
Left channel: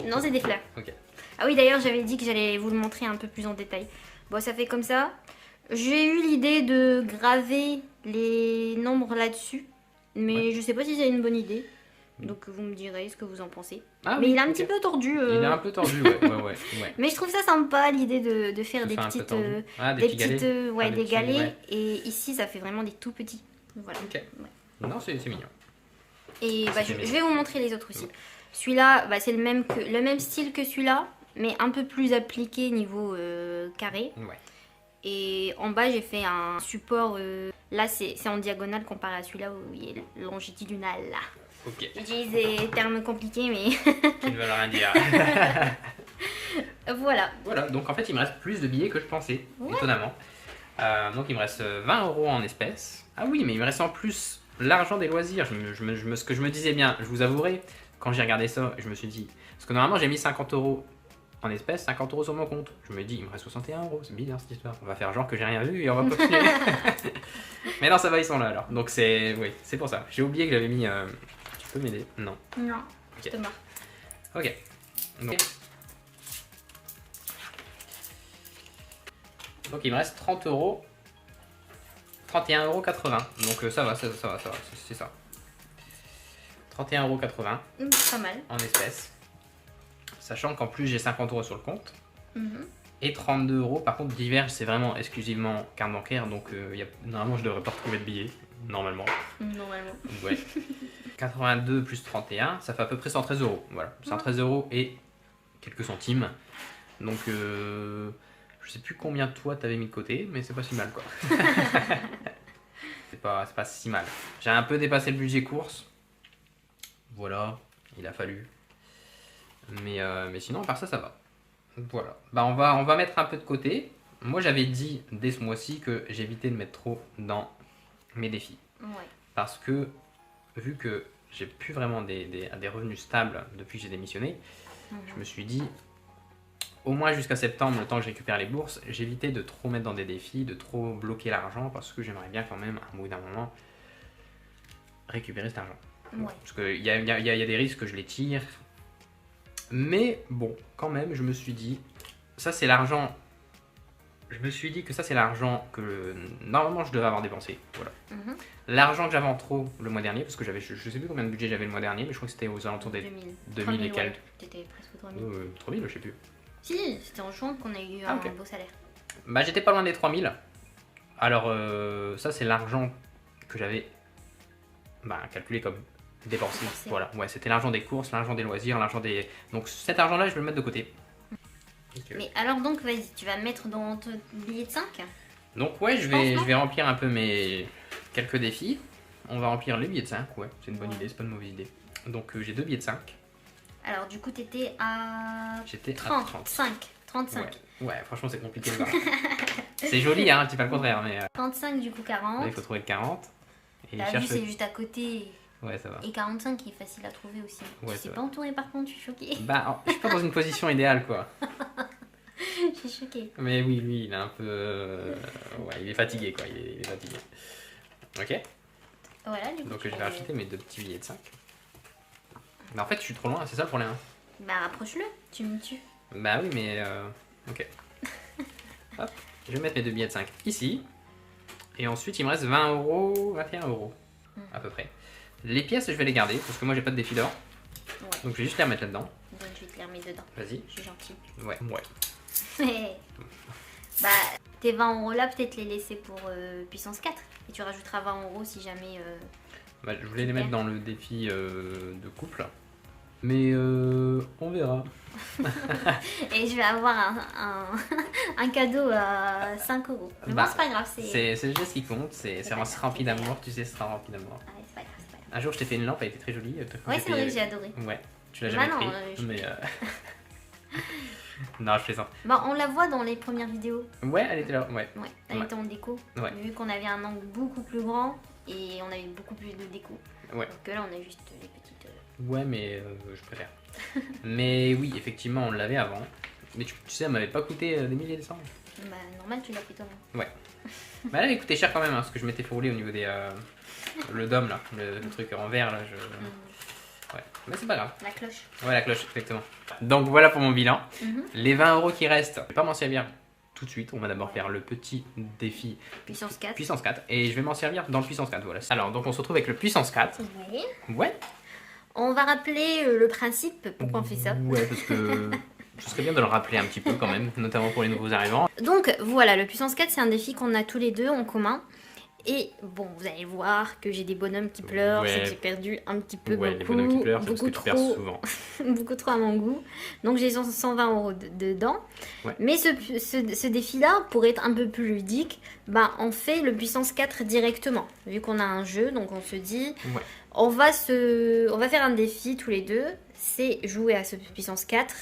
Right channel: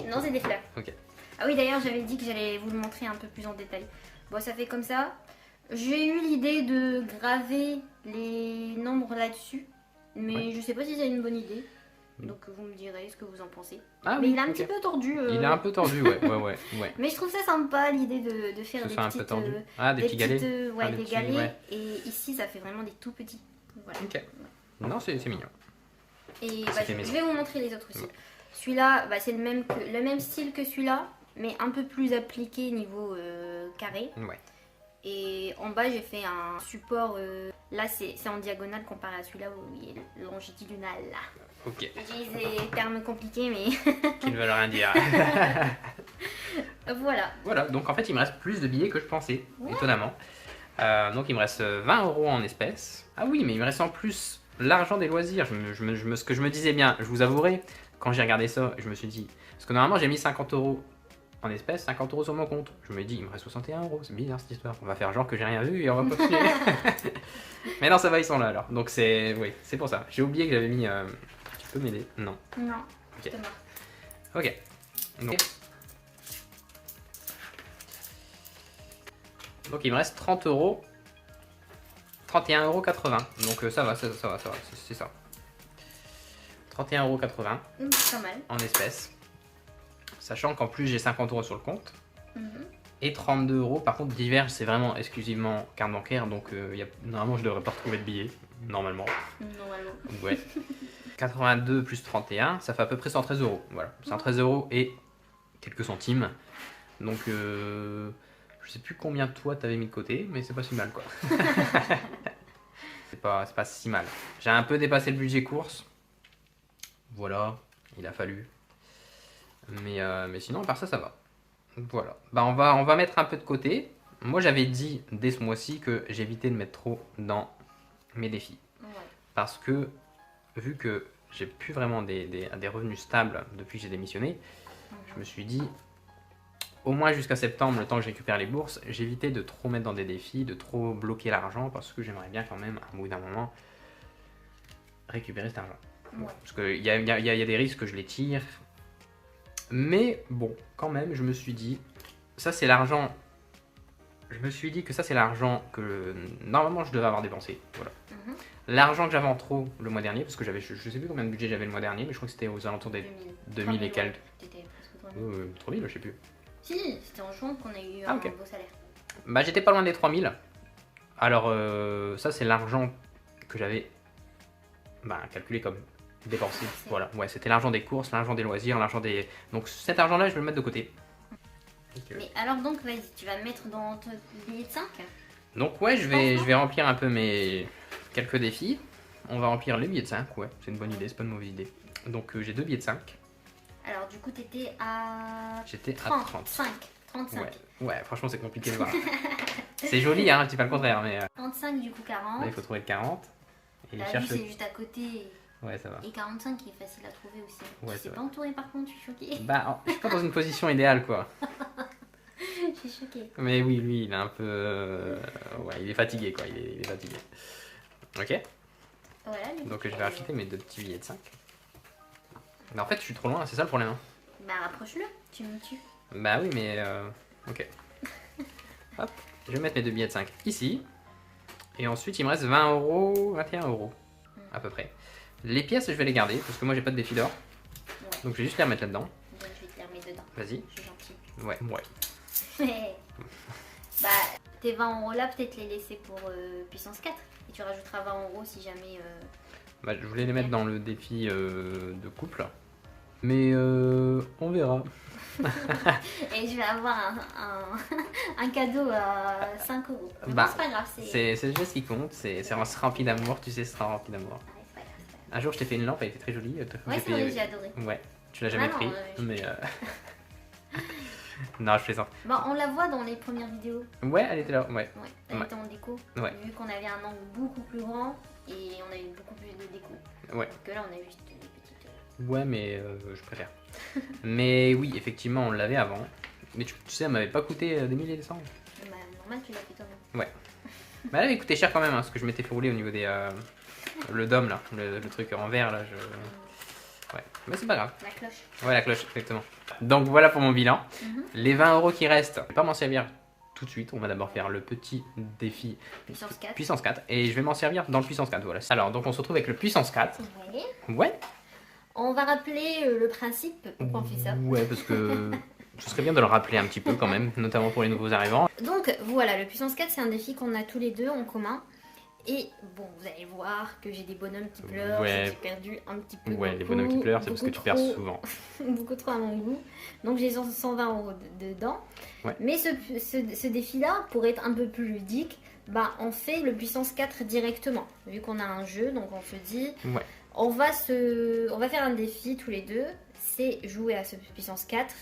Non, c'est des fleurs. Ok. Ah oui, d'ailleurs, j'avais dit que j'allais vous le montrer un peu plus en détail. Bon, ça fait comme ça. J'ai eu l'idée de graver les nombres là-dessus. Mais Ouais. je sais pas si c'est une bonne idée. Donc vous me direz ce que vous en pensez. Ah mais oui, il est un ok. petit peu tordu. Il est un peu tordu, ouais. Mais je trouve ça sympa l'idée de faire Ça des fait un peu petites, tordu. Ah, des des petits petites, galets. ouais, Ah, des petits, galets. ouais. Et ici, ça fait vraiment des tout petits. Voilà. Ok. Non, c'est mignon. Et bah, C'est je mignon. vais vous montrer les autres aussi. Ouais. Celui-là, bah, c'est le même style que celui-là, mais un peu plus appliqué niveau carré. Ouais. Et en bas, j'ai fait un support. Là, c'est en diagonale comparé à celui-là où il est longitudinal. Ok. J'utilise des termes compliqués, mais Qui ne veulent rien dire. voilà. Voilà, donc en fait, il me reste plus de billets que je pensais, étonnamment. Donc il me reste 20€ en espèces. Ah oui, mais il me reste en plus l'argent des loisirs. Ce que je me disais bien, je vous avouerai, quand j'ai regardé ça, je me suis dit. Parce que normalement, j'ai mis 50€ en espèces, 50 euros sur mon compte. Je me dis, il me reste 61 euros, c'est bizarre cette histoire. On va faire genre que j'ai rien vu et on va continuer. Mais non, ça va, ils sont là alors. Donc oui, c'est pour ça. J'ai oublié que j'avais mis... Tu peux m'aider? Non. Non, Ok. justement. Ok. Donc il me reste 30 euros. 31,80 euros. Donc ça va, c'est ça. 31,80 euros Pas mal. en espèces. Sachant qu'en plus j'ai 50 euros sur le compte. Mhm. Et 32 euros. Par contre, divers, c'est vraiment exclusivement carte bancaire. Donc normalement, je devrais pas retrouver de billets. Normalement. Normalement. Ouais. 82 plus 31, ça fait à peu près 113 euros. Voilà. 113 euros et quelques centimes. Donc je sais plus combien toi t'avais mis de côté, mais c'est pas si mal quoi. c'est pas si mal. J'ai un peu dépassé le budget course. Voilà, il a fallu. Mais sinon, à part ça, ça va. Voilà. Bah, on va mettre un peu de côté. Moi, j'avais dit dès ce mois-ci que j'évitais de mettre trop dans mes défis. Ouais. Parce que, vu que j'ai plus vraiment des revenus stables depuis que j'ai démissionné, je me suis dit, au moins jusqu'à septembre, le temps que je récupère les bourses, j'évitais de trop mettre dans des défis, de trop bloquer l'argent, parce que j'aimerais bien quand même, à un bout d'un moment, récupérer cet argent. Ouais. Parce qu'il y a des risques que je les tire. Mais bon, quand même, je me suis dit, ça c'est l'argent. Je me suis dit que ça c'est l'argent que normalement je devais avoir dépensé. Voilà. Mhm. L'argent que j'avais en trop le mois dernier, parce que j'avais, je sais plus combien de budget j'avais le mois dernier, mais je crois que c'était aux alentours des 2000 et quelques. T'étais presque 3000. 3000, je sais plus. Si, c'était en juin qu'on a eu Ah, un ok. beau salaire. Bah j'étais pas loin des 3000. Alors ça c'est l'argent que j'avais calculé comme dépensé. C'est- Voilà, ouais, c'était l'argent des courses, l'argent des loisirs, l'argent des... Donc cet argent-là, je vais le mettre de côté. Mais alors donc, vas-y, tu vas mettre dans ton billet de 5? Donc ouais, je vais remplir un peu mes quelques défis. On va remplir les billets de 5, ouais, c'est une bonne idée, c'est pas une mauvaise idée. Donc j'ai 2 billets de 5, Alors du coup, t'étais à j'étais à 30, 30. 35. Ouais, franchement c'est compliqué de voir. C'est joli, hein, je dis pas le contraire, mais 35 du coup 40. là il faut trouver le 40. Et T'as il vu, cherche c'est le... juste à côté. Ouais, ça va. Et 45 qui est facile à trouver aussi. Ouais, Tu c'est sais vrai. pas entouré par contre, je suis choquée. Bah, je suis pas dans une position idéale, quoi. Je suis choquée. Mais oui, lui, il est un peu... Ouais, il est fatigué, quoi, il est fatigué. Ok, Voilà, du coup, donc tu je vais peux- acheter mes 2 petits billets de 5. Mais en fait, je suis trop loin, c'est ça le problème. Hein. Bah rapproche-le, tu me tues. Bah oui, mais... Ok. Hop, je vais mettre mes 2 billets de 5 ici. Et ensuite, il me reste 20 euros, 21 euros, à peu près. Les pièces, je vais les garder, parce que moi, j'ai pas de défi d'or. Ouais, Donc, je vais juste les remettre là-dedans. donc je vais te les remettre dedans. Vas-y. Je suis gentille. Ouais. Bah, tes 20 euros là, peut-être les laisser pour puissance 4. Et tu rajouteras 20 euros si jamais. Bah, je voulais les mettre dans le défi de couple. Mais on verra. Et je vais avoir un cadeau à 5 euros. Mais bon, Bah, c'est pas grave, c'est. C'est le geste qui compte, c'est rempli d'amour, tu sais, c'est rempli d'amour. Ouais, c'est pas grave, c'est pas grave. Un jour, je t'ai fait une lampe, elle était très jolie. Ouais, c'est vrai, j'ai adoré. Ouais, tu l'as jamais Bah non, pris, je- mais... non, je plaisante. Bah, on la voit dans les premières vidéos. Ouais, elle était là, ouais. Ouais, elle Ouais. était en déco. Ouais. Vu qu'on avait un angle beaucoup plus grand et on avait beaucoup plus de déco. Ouais. Donc là, on a juste les petites. Ouais, mais je préfère. Mais oui, effectivement, on l'avait avant. Mais tu sais, elle m'avait pas coûté des milliers de cents. Bah, normal, tu l'as fait toi-même. Bah, elle avait coûté cher quand même, hein, ce que je m'étais fait rouler au niveau des... le dôme, là, le truc en verre, là, je... Ouais, mais c'est pas grave. La cloche. Ouais, la cloche, exactement. Donc voilà pour mon bilan. Mhm. Les 20 euros qui restent, je vais pas m'en servir tout de suite. On va d'abord faire le petit défi Puissance 4. puissance 4. Et je vais m'en servir dans le puissance 4, voilà. Alors, donc on se retrouve avec le puissance 4. Ouais. Ouais. On va rappeler le principe, pourquoi on fait ça. Ouais, parce que ce serait bien de le rappeler un petit peu quand même, notamment pour les nouveaux arrivants. Donc voilà, le puissance 4, c'est un défi qu'on a tous les deux en commun. Et bon, vous allez voir que j'ai des bonhommes qui pleurent, Ouais. c'est que j'ai perdu un petit peu. Ouais, les beaucoup, bonhommes qui pleurent, c'est parce que beaucoup tu perds trop. souvent. Beaucoup trop à mon goût. Donc j'ai 120 euros dedans. Ouais. Mais ce défi-là, pour être un peu plus ludique, ben, on fait le puissance 4 directement. Vu qu'on a un jeu, donc on se dit, Ouais. on va faire un défi tous les deux. C'est jouer à ce puissance 4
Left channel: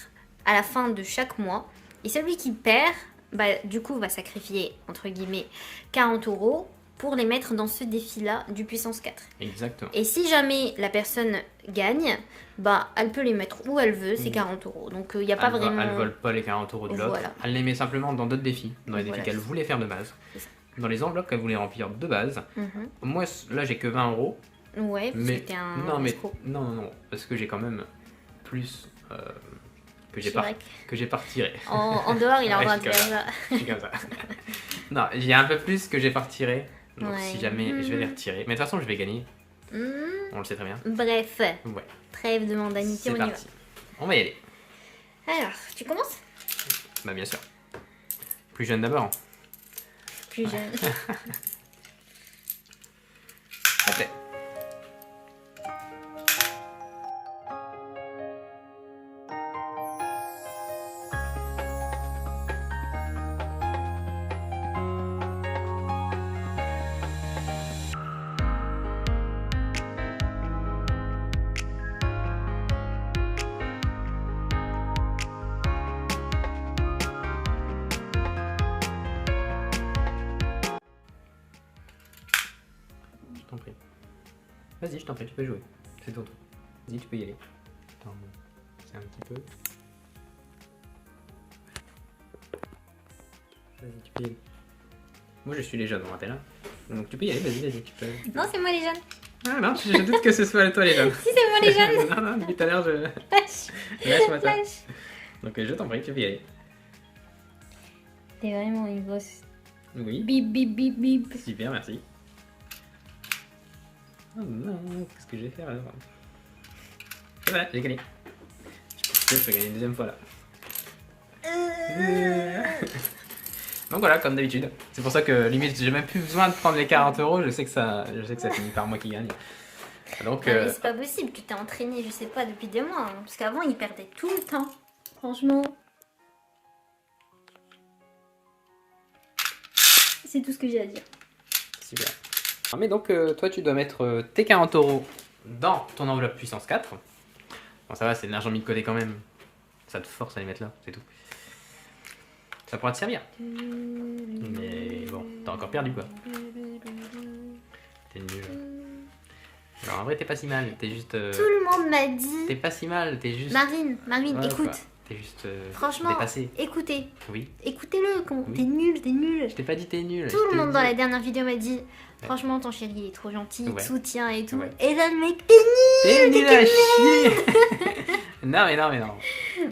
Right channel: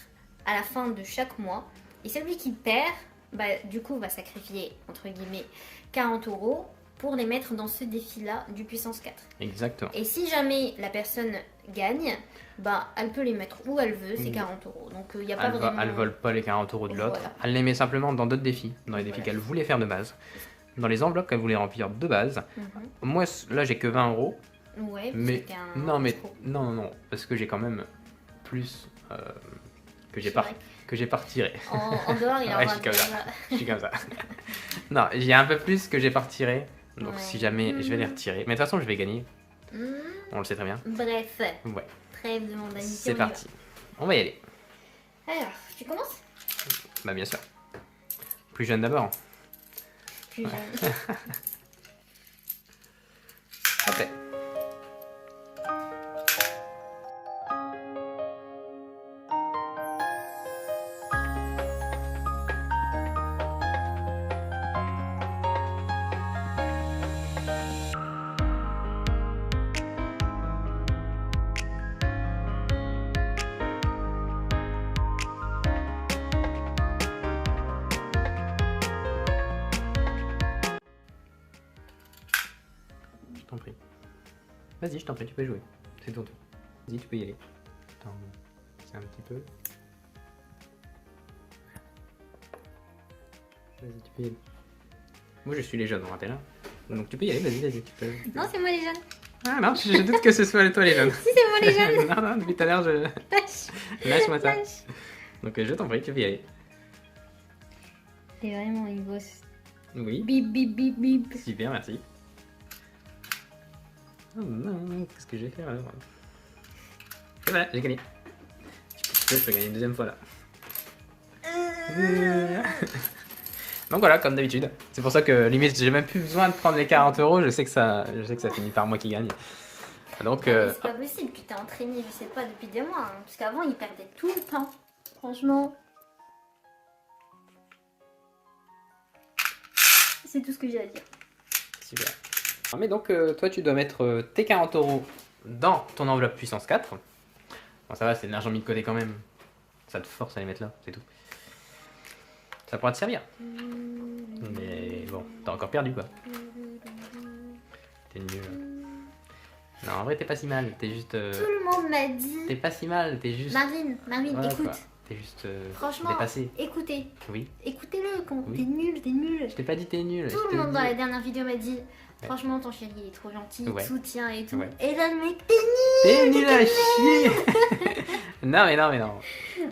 à la fin de chaque mois. Et celui qui perd, bah, du coup, va sacrifier, entre guillemets, 40 euros pour les mettre dans ce défi-là du puissance 4. Exactement. Et si jamais la personne gagne, bah, elle peut les mettre où elle veut, c'est 40 €. Donc il n'y a pas vraiment... Elle vole pas les 40 € de l'autre. Voilà. Elle les met simplement dans d'autres défis, dans les défis Voilà. qu'elle voulait faire de base. Dans les enveloppes qu'elle voulait remplir de base. Mhm. Moi, là, j'ai que 20 €. Ouais, parce Mais que t'es un non, mais escroc. non, parce que j'ai quand même plus que j'ai C'est pas vrai retiré. En dehors, il a Ouais, en train de je suis faire ça. Je suis comme ça. Non, j'ai un peu plus que j'ai pas retiré. Donc Ouais. si jamais je vais les retirer. Mais de toute façon, je vais gagner. Hmm. On le sait très bien. Bref, Ouais, trêve de mondanité, c'est on y va. parti. On va y aller. Alors, tu commences? Bah bien sûr. Plus jeune d'abord. Plus jeune. Après. Je t'en prie. Vas-y, je t'en prie, tu peux jouer. C'est ton tour. Vas-y, tu peux y aller. Attends, c'est un petit peu. Vas-y, tu peux y aller. Moi, je suis les jeunes, on rappelle. Hein. Donc tu peux y aller, vas-y, tu peux. Non, c'est moi les jeunes. Ah non, je doute que ce soit toi les jeunes. Si, c'est moi les jeunes. Non, depuis tout à l'heure, je... Lâche-moi ça. Donc je t'en prie, tu peux y aller. T'es vraiment une bosse. Oui, Bip, bip, bip, bip. super, merci. Oh non, qu'est-ce que je vais faire alors? Et voilà, j'ai gagné. Je peux gagner une deuxième fois là. Donc voilà, comme d'habitude. C'est pour ça que limite, j'ai même plus besoin de prendre les 40 €. Je sais que ça finit par moi qui gagne. Donc, Non, mais c'est pas possible, tu t'es entraîné, je sais pas, depuis 2 mois. Hein, parce qu'avant, il perdait tout le temps. Franchement. C'est tout ce que j'ai à dire. super. Mais donc, toi, tu dois mettre tes 40 € dans ton enveloppe puissance 4. Bon, ça va, c'est de l'argent mis de côté quand même. Ça te force à les mettre là, c'est tout. Ça pourra te servir. Mais bon, t'as encore perdu quoi. T'es nul. Non, en vrai, t'es pas si mal. T'es juste. Tout le monde m'a dit. T'es pas si mal, t'es juste. Marine, Voilà, écoute. quoi. T'es juste. Franchement, dépassé. écoutez. Oui. Écoutez-le, Oui. t'es nul, t'es nul. Je t'ai pas dit t'es nul. Tout je le te monde dans dis. la dernière vidéo m'a dit franchement ton chéri il est trop gentil, il Ouais. te soutient et tout. Ouais. Et là le mec t'es T'es nul. nul à chier. Non.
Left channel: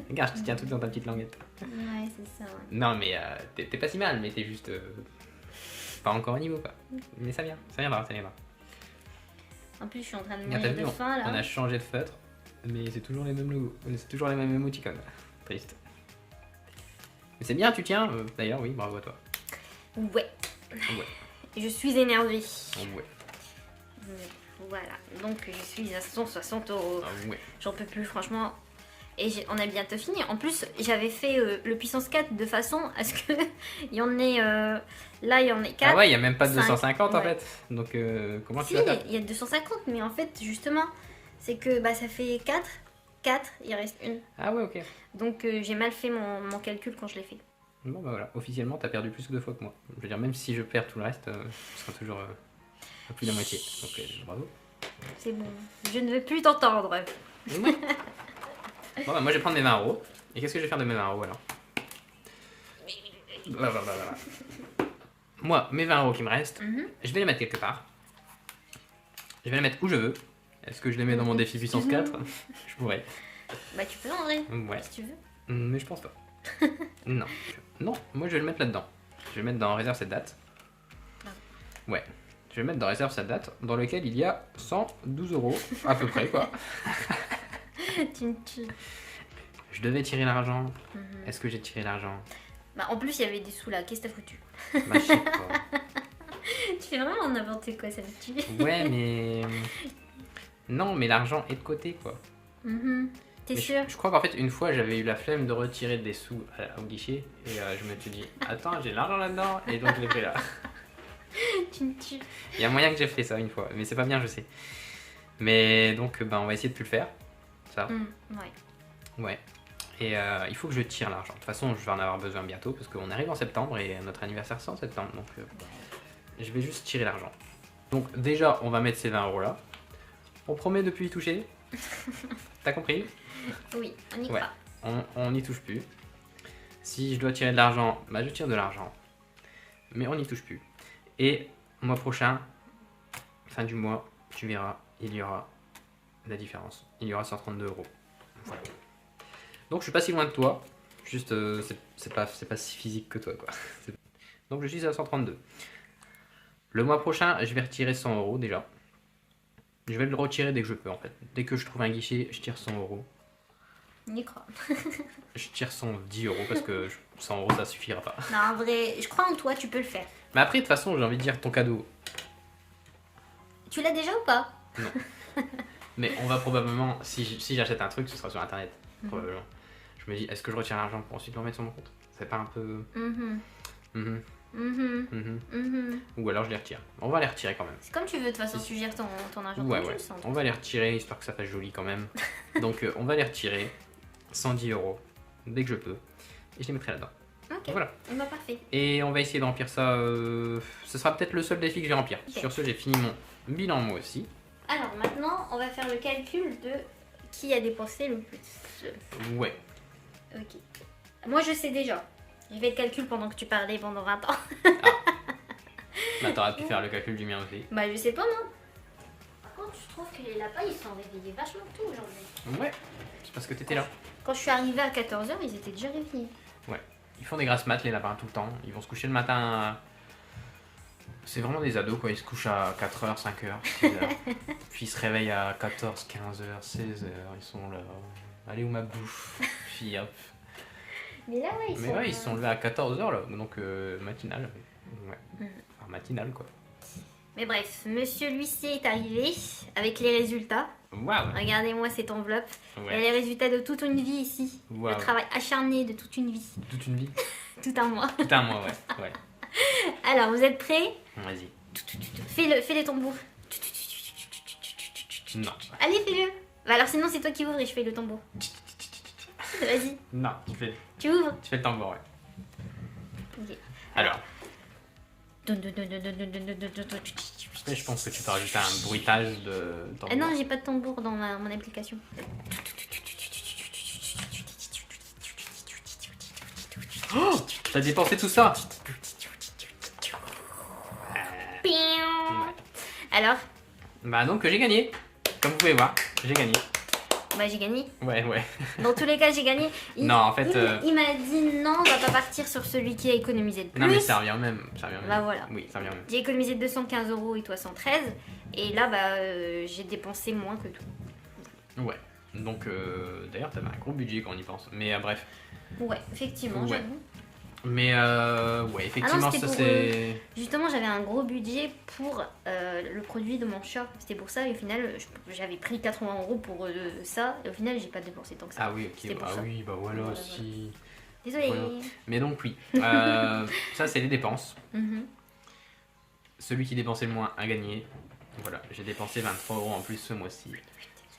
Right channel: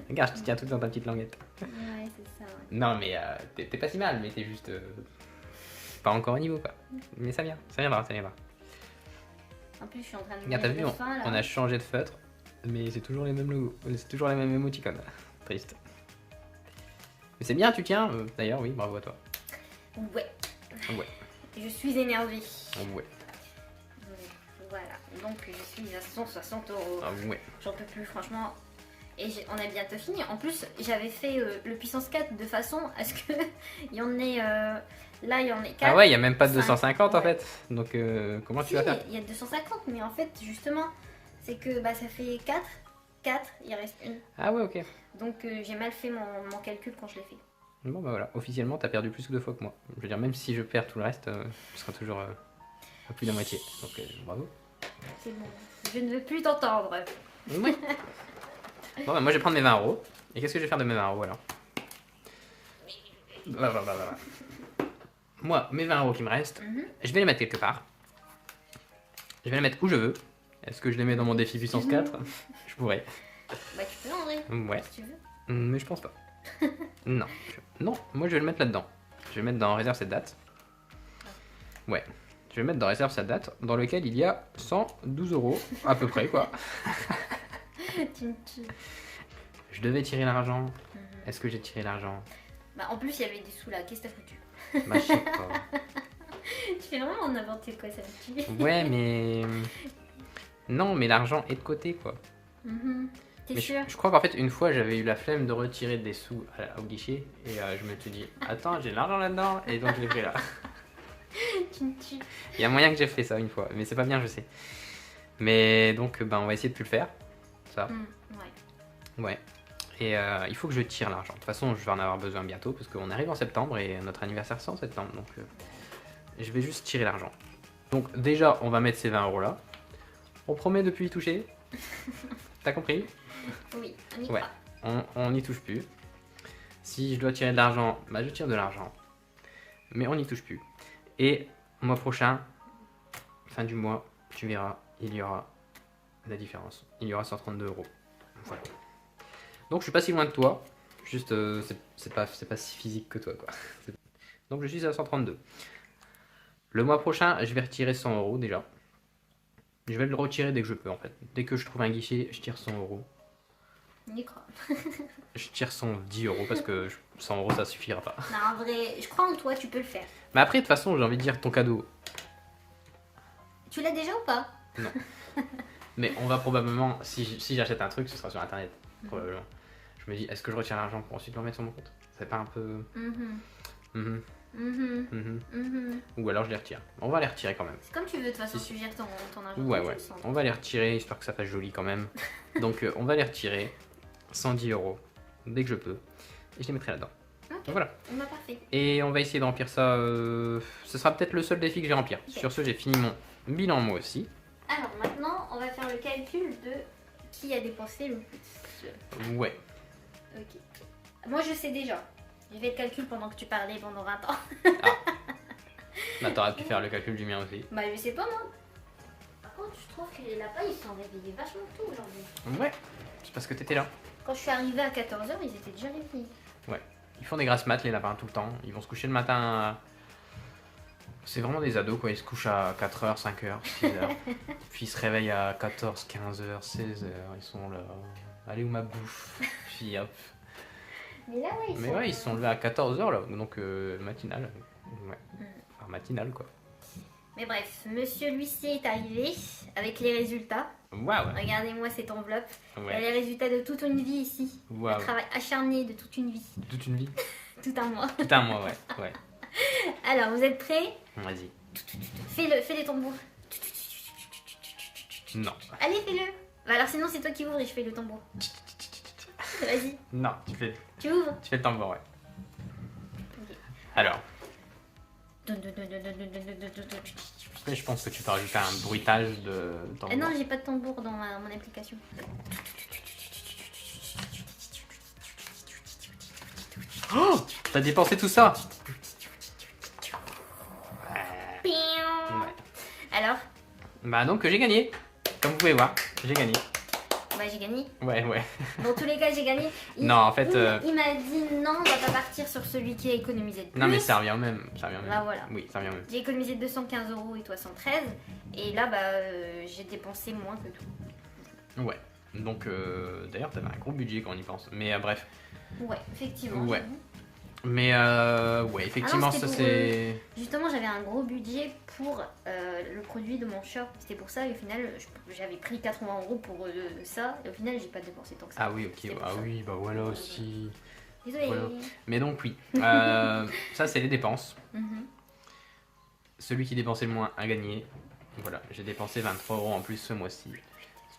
Regarde, je te tiens tout dans ta petite languette. Ouais c'est ça. Ouais. Non mais t'es pas si mal, mais t'es juste pas encore au niveau quoi. Mais ça viendra. En plus je suis en train de Regarde, t'as mourir vu, de faim là. on a changé de feutre, mais c'est toujours les mêmes logos, c'est toujours les mêmes émoticônes. Triste. Mais c'est bien, tu tiens. D'ailleurs, oui, bravo à toi. Ouais. Ouais. Je suis énervée. Ouais. Voilà. Donc je suis à 160 €. Ah ouais. J'en peux plus franchement. Et on a bientôt fini. En plus j'avais fait le puissance 4 de façon à ce que il y en ait là il y en ait 4. Ah ouais, il y a même pas de 5, 250 en ouais. fait. Donc comment tu Si, vas faire? il y a 250, mais en fait, justement, c'est que bah, ça fait 4, il reste une. Ah ouais, ok. Donc j'ai mal fait mon calcul quand je l'ai fait. Bon bah voilà, officiellement t'as perdu plus que 2 fois que moi. Je veux dire, même si je perds tout le reste, je serai toujours à plus de la moitié. Donc bravo. C'est bon, je ne veux plus t'entendre. Ouais. Bon bah moi je vais prendre mes 20 €. Et qu'est-ce que je vais faire de mes 20 € alors? Voilà. Moi, mes 20 € qui me restent, je vais les mettre quelque part. Je vais les mettre où je veux. Est-ce que je les mets dans mon défi puissance 4? Je pourrais. Bah tu peux en vrai, Ouais. si tu veux. Mais je pense pas. Non. Non, moi je vais le mettre là-dedans. Je vais le mettre dans réserve cette date. Ouais. Je vais mettre dans réserve cette date, dans lequel il y a 112 € à peu près quoi. Tu me tues. Je devais tirer l'argent. Est-ce que j'ai tiré l'argent? Bah en plus il y avait des sous là, qu'est-ce que t'as foutu? Bah je sais pas. Tu fais vraiment n'importe quoi, ça me tue. Ouais mais... Non mais l'argent est de côté quoi. T'es Mais sûr? je crois qu'en fait une fois j'avais eu la flemme de retirer des sous au guichet et je me suis dit attends j'ai l'argent là-dedans et donc je l'ai fait là. Tu me tues. Il y a moyen que j'ai fait ça une fois mais c'est pas bien je sais. Mais donc on va essayer de plus le faire. Ça. Ouais. Ouais. Et il faut que je tire l'argent. De toute façon je vais en avoir besoin bientôt parce qu'on arrive en septembre et notre anniversaire c'est en septembre donc je vais juste tirer l'argent. Donc déjà, on va mettre ces 20 € là. On promet de plus y toucher. T'as compris? Oui, on y Ouais. croit. On n'y touche plus. Si je dois tirer de l'argent, bah je tire de l'argent. Mais on n'y touche plus. Et mois prochain, fin du mois, tu verras, il y aura la différence. Il y aura 132 €. Voilà. Donc je suis pas si loin de toi. Juste, c'est pas si physique que toi, quoi. Donc je suis à 132. Le mois prochain, je vais retirer 100 € déjà. Je vais le retirer dès que je peux, en fait. Dès que je trouve un guichet, je tire 100 €. On y croit. Je tire 110 € parce que 100 € ça suffira pas. Non, en vrai, je crois en toi, tu peux le faire. Mais après, de toute façon, j'ai envie de dire ton cadeau. Tu l'as déjà ou pas? Non. Mais on va probablement, si j'achète un truc, ce sera sur internet. Probablement. Je me dis, est-ce que je retire l'argent pour ensuite le remettre sur mon compte? C'est pas un peu. Ou alors je les retire. On va les retirer quand même. C'est comme tu veux, de toute façon, tu gères ton argent. Ouais, comme tu ouais. le sens. On va les retirer, histoire que ça fasse joli quand même. Donc on va les retirer. 110 € dès que je peux. Et je les mettrai là-dedans. Ok, Donc, voilà. bah, parfait. Et on va essayer de remplir ça. Ce sera peut-être le seul défi que je vais remplir. Ok. Sur ce, j'ai fini mon bilan moi aussi. Alors maintenant, on va faire le calcul de qui a dépensé le plus. Ouais. Ok. Moi, je sais déjà. Je vais le calcul pendant que tu parlais pendant 20 ans. Bah, t'aurais pu faire le calcul du mien aussi. Bah, je sais pas, moi. Par contre, je trouve que les lapins, ils sont réveillés vachement tôt aujourd'hui. Ouais. C'est parce que t'étais là. Quand je suis arrivée à 14h, ils étaient déjà réveillés. Ouais. Ils font des grasses mat les lapins tout le temps. Ils vont se coucher le matin. C'est vraiment des ados quoi. Ils se couchent à 4h, 5h, 6h. Puis ils se réveillent à 14, 15h, 16h. Ils sont là. Allez où ma bouffe? Puis hop. Mais là, ouais, Mais ouais, ils sont levés à 14h là. Donc matinale. Ouais. Enfin, matinale quoi. Mais bref, Monsieur l'huissier est arrivé avec les résultats. Waouh. Regardez-moi cette enveloppe. Il y a Ouais. les résultats de toute une vie ici. Waouh. Le travail acharné de toute une vie. Toute une vie. Tout un mois. Tout un mois, ouais. Ouais. Alors, vous êtes prêts? Vas-y. Fais les tambours. Non. Allez, fais-le. Bah alors sinon, c'est toi qui ouvres et je fais le tambour. Vas-y, Non, tu ouvres. tu fais le tambour, ouais. Ok. Alors, je pense que tu t'as rajouté un bruitage de tambour. Ah non, j'ai pas de tambour dans mon application. Oh, t'as dépensé tout ça. Alors, Bah donc j'ai gagné. Comme vous pouvez voir, j'ai gagné. bah j'ai gagné. Ouais, ouais. Dans tous les cas, j'ai gagné. Non, en fait, Il m'a dit non, on va pas partir sur celui qui a économisé le plus. Non mais ça revient au même. Ça revient au même. Bah voilà. Oui, ça revient au même. J'ai économisé 215 € et toi 113. Et là, j'ai dépensé moins que tout. Ouais. Donc d'ailleurs t'avais un gros budget quand on y pense. Mais bref. Ouais, effectivement, Ouais. j'avoue. Mais ouais, effectivement c'était ça pour, c'est... Justement, j'avais un gros budget pour le produit de mon chat. C'était pour ça, et au final, j'avais pris 80 € pour ça. Et au final, j'ai pas dépensé tant que ça. Ah oui, ok. C'était pour Ah ça. oui, bah voilà Voilà, aussi. Désolée. Voilà. Mais donc oui. Ça c'est les dépenses. Mhm. Celui qui dépensait le moins a gagné. Voilà, j'ai dépensé 23 € en plus ce mois-ci.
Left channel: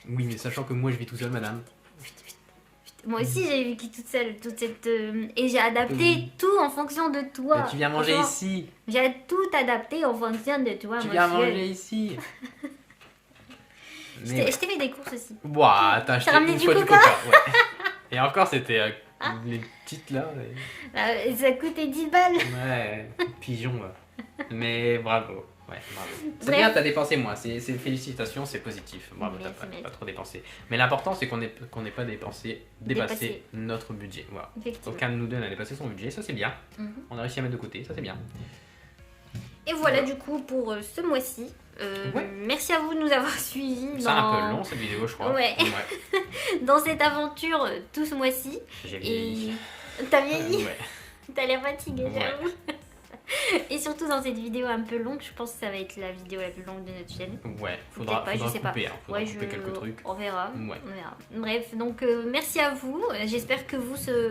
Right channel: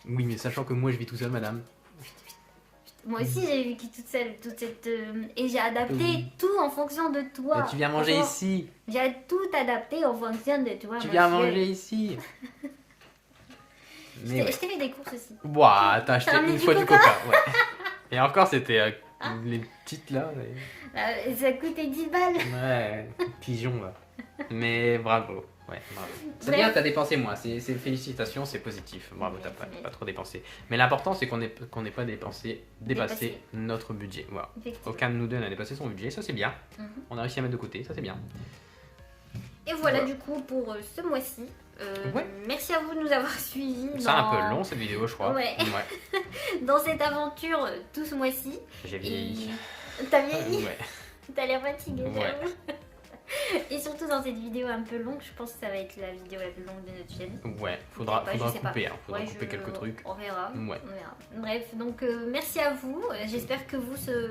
Oui, mais sachant que moi je vis tout seul, madame. Moi aussi, j'ai vécu toute seule, toute cette. Et j'ai adapté tout en fonction de toi. Mais tu viens manger Franchement, ici. J'ai tout adapté en fonction de toi. Tu mon viens Dieu. manger ici. Je Mais t'ai fait des courses aussi. Ouah, t'as acheté ramené une du fois du coca coca. Ouais. Et encore, c'était les petites là. Ça coûtait 10 balles. Ouais, pigeon là. Mais bravo. Ouais, bravo. C'est Bref. bien, t'as dépensé moins. C'est félicitations, c'est positif. Bravo, Merci, t'as merci. pas trop dépensé. Mais l'important, c'est qu'on n'ait pas dépassé Dépassé. notre budget. Voilà. Effectivement. Aucun de nous deux n'a dépassé son budget, ça c'est bien. Mhm. On a réussi à mettre de côté, ça c'est bien. Et voilà, Voilà. du coup pour ce mois-ci. Ouais. Merci à vous de nous avoir suivis C'est un peu long cette vidéo, je crois. Ouais. dans cette aventure tout ce mois-ci. J'ai Et vieilli. t'as vieilli, Ouais. t'as l'air fatigué. Ouais. j'avoue. Et surtout dans cette vidéo un peu longue, je pense que ça va être la vidéo la plus longue de notre chaîne. Ouais, faudra Peut-être pas, je sais pas. couper, hein. Faudra Ouais, couper quelques trucs. On verra. Ouais. On verra. Bref, donc merci à vous. J'espère que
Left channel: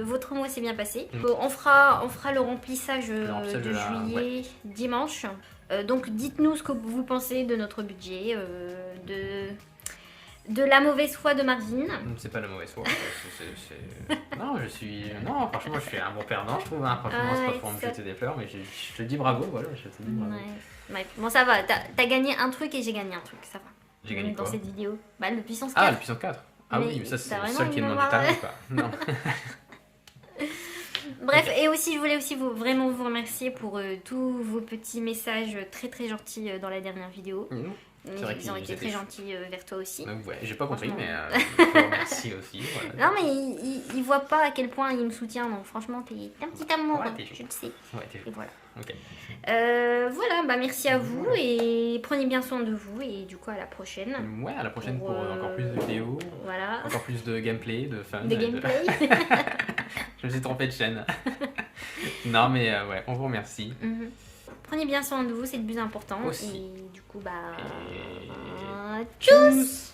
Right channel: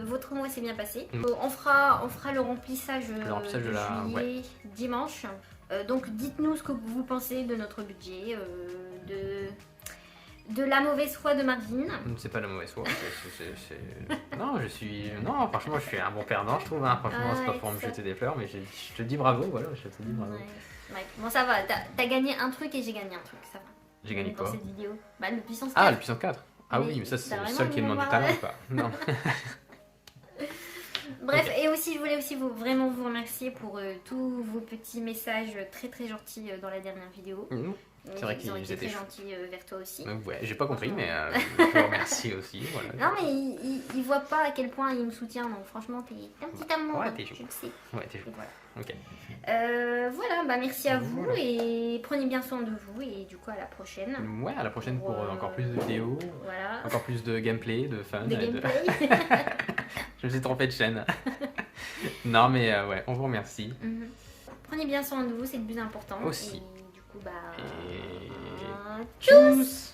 votre mois s'est bien passé. Mm. On fera le remplissage, remplissage de de la- juillet dimanche. Donc dites-nous ce que vous pensez de notre budget, de la mauvaise foi de Marvin. C'est pas la mauvaise foi. Non, non, franchement, je suis un bon perdant, je trouve. Hein. Franchement, c'est pas pour me jeter des fleurs, mais je te dis bravo. Voilà, je te dis bravo. Ouais. Bon, ça va. T'as gagné un truc et j'ai gagné un truc. Ça va. J'ai gagné quoi dans cette vidéo? Bah, le puissance 4. Ah, le puissance 4. Ah Mais oui, mais ça, c'est t'as le seul qui vraiment demande du talent, quoi. Non. Bref, et aussi, je voulais aussi vraiment vous remercier pour tous vos petits messages très très gentils dans la dernière vidéo. C'est vrai Ils ont qu'ils été étaient très gentils vers toi aussi. Ouais, j'ai pas compris, mais je vous remercie aussi. Voilà. Non, mais ils voient pas à quel point il me soutient, donc franchement, t'es un petit amour, Ouais, hein, t'es je le sais. Ouais, t'es Et voilà. Ok. Voilà, bah merci à vous et prenez bien soin de vous et du coup à la prochaine. Ouais, à la prochaine pour encore plus de vidéos, Voilà. encore plus de gameplay, de fun. De gameplay. Je me suis trompé de chaîne. Non, mais ouais, on vous remercie. Prenez bien soin de vous, c'est le plus important. Aussi. Et du coup, bah. Et... Tchuss!